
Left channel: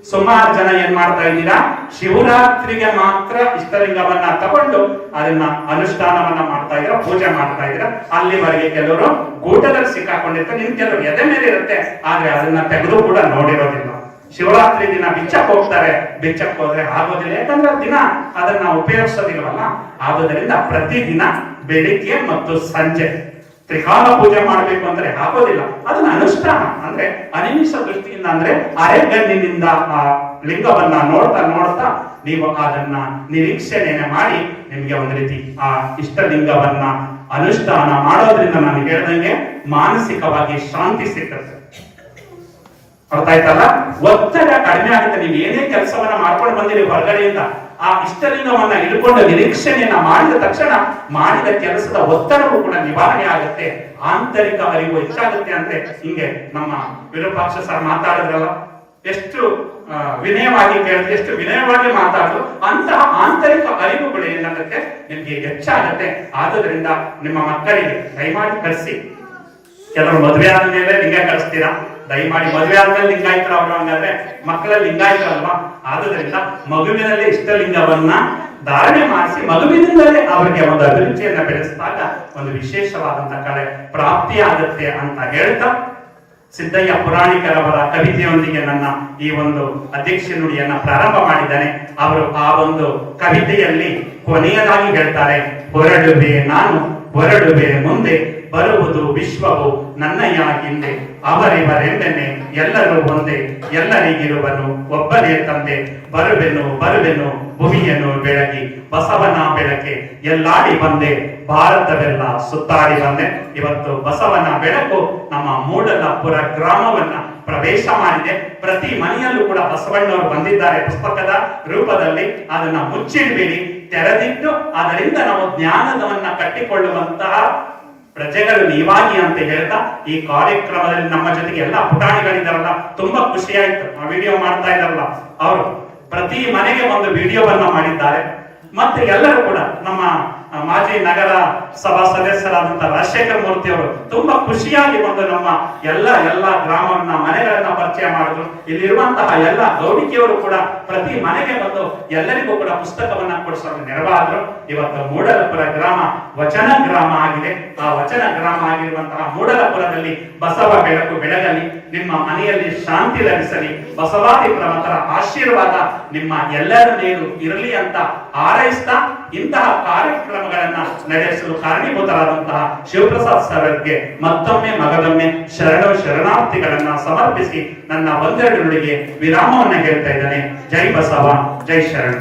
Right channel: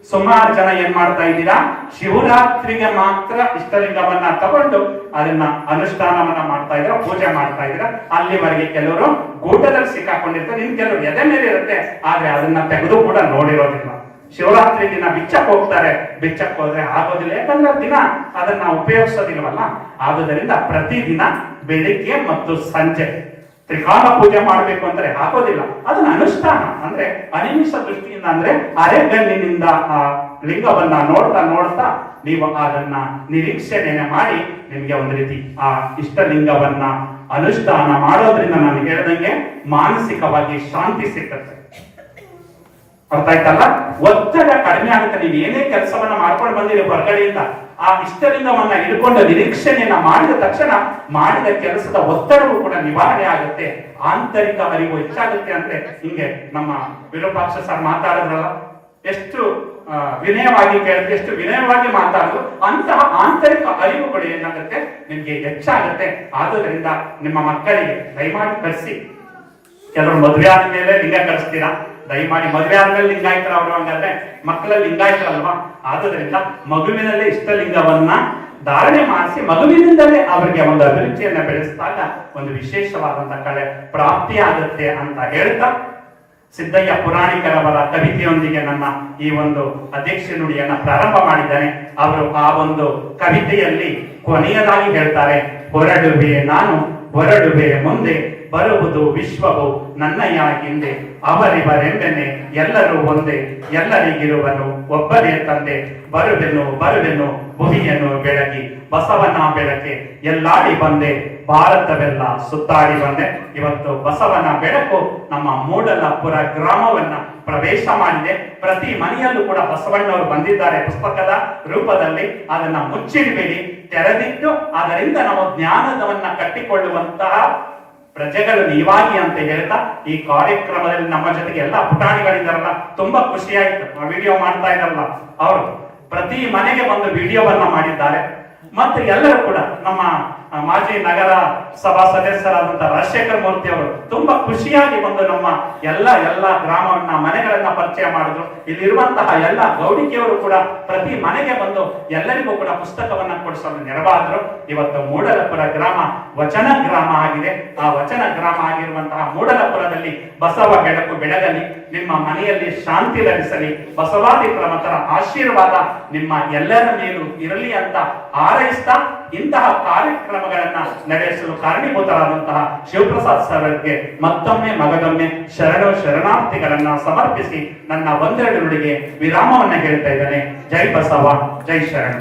ಸುಮಾರು ಜನ ಏನ್ ಮಾಡ್ತಾ ಇದ್ದೀರಾ, ಶಿವರಾತ್ರಿಗೆ ಮಾತ್ರ ಇಷ್ಟಲಿಂಗವನ್ನ ತಗೊಂಡು ಅದನ್ನ ಅನುಷ್ಠಾನವನ್ನ ಮಾಡ್ತಾ ಇದ್ದೀರಾ, ಪೂಜೆ ಮಾಡ್ತಾ ಇದ್ದೀರಾ. ಅಲ್ಲಿವರೆಗೆ ಕೆಲವರು ಗೂಟದಲ್ಲಿ ಸಿಕ್ಕಾಕೊಂಡಿರ್ತಾರೆ, ಇನ್ನು ಕೆಲವರು ಎದೆ ಮೇಲೆ ಇರುತ್ತೆ, ಆದ್ರೆ ಅದನ್ನ ತೆಗೆದು ಕೂಡ ನೋಡಿರೋದಿಲ್ಲ. ಶಿವರಾತ್ರಿ ದಿನ ಬಿಚ್ಚಕ್ ಹೋಗ್ತಾರೆ, ಬಿಚ್ಚಕ್ ಹೋದ್ರೆ ಆಗೋದಿಲ್ಲ, ಯಾಕಂದ್ರೆ ದಿನ ಅದನ್ನ ಉಪಯೋಗಿಸೋದಿಲ್ವಲ್ಲ. ಆಗುವುದರಿಂದ ಪ್ರತಿದಿನ ಬೆಳಿಗ್ಗೆ ಮತ್ತು ಸಂಜೆ ತ್ರಿಕಾಲ ಪೂಜೆ ಮಾಡಬೇಕು ಅಂದ್ರೆ ಆಗೋದಿಲ್ಲ. ಅದನ್ನ ಅನುಷ್ಠಾನ ಅಂದ್ರೆ ಅನಿಮಿಷ ದೃಷ್ಟಿಯಿಂದ, ಅಂದ್ರೆ ಅರೆಗಣ್ಣಿನಿಂದ ಆ ಲಿಂಗವನ್ನ ನೋಡ್ತಾ ನೋಡ್ತಾ ನೀವು ಅದನ್ನ ನಿರೀಕ್ಷಣೆಯನ್ನ ಮಾಡಿ ನಿಮ್ಗೆ ಒಂದು ರೀತಿ ಆ ಇಷ್ಟಲಿಂಗವನ್ನ ಅನುಷ್ಠಾನ ಮಾಡೋದ್ರಿಂದ ನಾನು ಹೇಳ್ದಂಗೆ ಮಾನಸಿಕವಾಗಿ ಶಾಂತಿ ಸಿಕ್ಕತ್ತೆ. ಅರ್ಥ ಆಯ್ತಲ್ಲ? ಒತ್ತಡ ಕಡಿಮೆ ಆಗುತ್ತೆ. ನೀವು ಏನೇ ಕೆಲಸವನ್ನ ಮಾಡ್ಕೊಂಡು ಬಂದಿರಿ ಹೊರಗಡೆಯಿಂದ, ಆ ಇಷ್ಟಲಿಂಗವನ್ನ ಹಿಡ್ಕೊಂಡು ನಿರೀಕ್ಷಣೆಯನ್ನ ಮಾಡಿದ ತಕ್ಷಣ ಮಾಡಿದ ಕೆಲಸದ ಒತ್ತಡವೂ ಕೂಡ ನಿವಾರಣೆ ಆಗುತ್ತೆ, ಆಂತರಿಕ ಅರಿವು ಹೆಚ್ಚಾಗುತ್ತೆ. ಅಂದ್ರೆ ಹಿಂಗೆ ನಮ್ಮ ವಿರೂಪಾಕ್ಷ ಸರ್ ಮಾತಾಡಿದ್ರಲ್ಲ, ಎಷ್ಟು ವಿನಯವಾಗಿ ಕೇಳಿದ್ರೆ, ಎಷ್ಟು ವಿನಯವಾಗಿ ಮಾತಾಡಿದ್ರು, ಅಂತಹ ಆಂತರಿಕ ಅರಿವುಗಳು ಏನಾಗುತ್ತೆ ನಿಮ್ಗೆ ಹೆಚ್ಚಾಗುತ್ತೆ. ಆದುದರಿಂದ ನಿಮ್ಮ ಮಕ್ಕಳಿಗೆ ದಯಮಾಡಿ ಕಳಿಸಿ. ಕೆಲವರು ಮದುವೆ ಆದ್ಮೇಲೆ ಲಿಂಗ ಕಳಿಸ್ತೀರಾ, ದಯಮಾಡಿ ಮದುವೆ ಆದ್ಮೇಲೆ ಲಿಂಗಾಯತರು ಅವರು ಹಂಗಾದ್ರೆ ಮಕ್ಕಳಲ್ಲಿ ಲಿಂಗಾಯತ ಅಲ್ವಾ. ಆದುದರಿಂದ ಮಗುವಿನಲ್ಲಿ ಇಷ್ಟಲಿಂಗವನ್ನ ಧಾರಣೆ ಮಾಡಿಸಿ ಮಗುವಿನಿಂದಲೇ ಅವರಿಗೆ ಒಂದು ಅಭಿರುಚಿಯನ್ನ ಬೆಳೆಸಿದಾಗ ಒಂದು ವಿಶೇಷವಾದಂತಹ ಕಳೆ ಪ್ರಾಪ್ತಿಯಾಗುತ್ತೆ ಅಂತ ಹೇಳ್ತಾ, ಸಿದ್ದಯ್ಯ ಪುರಾಣಿಕರವರ ಕವಿತೆಯೊಂದಿಗೆ ನನ್ನ ಈ ಒಂದು ಅಧ್ಯಕ್ಷ ನುಡಿಯನ್ನ ಪ್ರಾರಂಭ ಮಾಡಿದ್ದಾನೆ. ಅವರು ಆ ಒಂದು ಕವಿತೆಯಲ್ಲಿ ಕೊನೆಯದಾಗಿ ಹೇಳ್ತಾರೆ, ಹೊರಡುವೆ ನಾನು ಹೊರಡುವೆ ಮುಂದೆ, ಬರುವುದು ವಿಶ್ವವು ನನ್ನಯ್ಯ ಹಿಂದೆ, ಅವರಿವರೆಂದೆನೆ ಎಲ್ಲರೂ ಒಂದೇ, ಎಲ್ಲರಿಗಿರುವನು ಒಬ್ಬನೇ ತಂದೆ, ಬರುವೆನು ಬರುವೆನು ಭೂಮಿಯನ್ನು ಬೆಳಗಿ, ಬಸವನ ಬೆಳಕೆ ಎಲ್ಲಾಡಿ ಬಂದೆ, ಭಾರತವೆಲ್ಲ ಸುತ್ತಾಡಿ ಬಂದೆ. ಇವತ್ತು ಬಸವನ ಬೆಳಕು ನಮ್ಮ ಮೂಡಲಪುರ ಗ್ರಾಮವನ್ನ ಪ್ರವೇಶ ಮಾಡಿದೆ. ಪ್ರತಿ ಮನೆಯಲ್ಲೂ ಕೂಡ ಬಸವಣ್ಣವರು ಬಂದಿದ್ದಾರೆ ಪುಸ್ತಕದ ರೂಪದಲ್ಲಿ. ಅದನ್ನ ಮುಚ್ಚಿಡಬೇಡಿ, ತೆರೆದಿಟ್ಟು ಅದರಿಂದ ನಾವು ಜ್ಞಾನವನ್ನ ಕಟ್ಟಿಕೊಳ್ಳುವಂತಹ ಪ್ರಜೆಗಳು ನೀವಾಗಿ ಅಂತ ಹೇಳ್ತಾ, ಈ ಕಾರ್ಯಕ್ರಮದಲ್ಲಿ ನಮ್ಮ ಜೊತೆಗೆ ಎಲ್ಲ ಪುಟಾಣಿಗಳಿದಾರಲ್ಲ, ತುಂಬಾ ಖುಷಿ ಆಯ್ತು. ವಿಡಿಯೋ ಮಾಡ್ತಾ ಇದಾರಲ್ಲ, ಅವರು ಪ್ರತಿ ಮನೆಗೆ ಒಂದು ವಿಡಿಯೋವನ್ನ ಮಾಡಿದ್ದಾರೆ. ಮತ್ತೆ ಎಲ್ಲರೂ ಕೂಡ ನಮ್ಮ ಮಾಜಿ ನಗರ ಸಭಾ ಸದಸ್ಯರಾದಂತಹ ರಾಜಶೇಖರ್ ಮೂರ್ತಿ ಅವರು ತುಂಬಾ ಖುಷಿಯಾಗಿ ಬಂದು ನಮ್ಮ ಎಲ್ಲ ಗ್ರಾಮವನ್ನ ಮನೆಗಳನ್ನ ಪರಿಚಯ ಮಾಡಿದ್ರು. ಇಲ್ಲಿರುವಂತಹ ಎಲ್ಲ ಗೌಡಿಕೆಯವರು ಕೂಡ ಪ್ರತಿ ಮನೆಗೆ ಬಂದು ಎಲ್ಲರಿಗೂ ಕೂಡ ಪುಸ್ತಕವನ್ನ ಕೊಡಿಸೋರು ನೆರವಾದ್ರು. ಇವತ್ತು ಮೂಡಲಪುರ ಗ್ರಾಮ ವಚನ ಗ್ರಾಮ ಆಗಿದೆ. ಆ ವಚನ ಗ್ರಾಮ ಆಗಿರುವಂತಹ ಮೂಡಲಪುರದಲ್ಲಿ ಬಸವ ಬೆಳಕು ಬೆಳಗಲಿ, ನಿಮ್ಮ ಮನೆಯಲ್ಲಿ ಶಾಂತಿ ಲಭಿಸಲಿ, ಬಸವಾದಿ ಪ್ರಮುಖರ ಆಶೀರ್ವಾದ ನಿಮ್ಮ ಎಲ್ಲರ ಮೇಲೂ ಇರಲಿ ಅಂತ ಹಾರೈಸ್ತಾ, ಇಂತಹ ಕಾರ್ಯಕ್ರಮಗಳನ್ನ ನಡೆಸಲು ಕಾರಣೀಭೂತರಾದಂತಹ ಶಿವಪ್ರಸಾದ್ ಸರ್ಗೆ ಮತ್ತೊಮ್ಮೆ ಮಗದೊಮ್ಮೆ ಶರಣಾರ್ಥಿಗಳನ್ನ ಸಮರ್ಪಿಸಿ ನನ್ನ ಒಂದೆರಡು ನುಡಿಗೆ ವಿರಾಮವನ್ನ ಹೇಳ್ತಾ ಇದ್ದೇನೆ. ಜೈ ಬಸವ, ಜೈ ಶರಣ.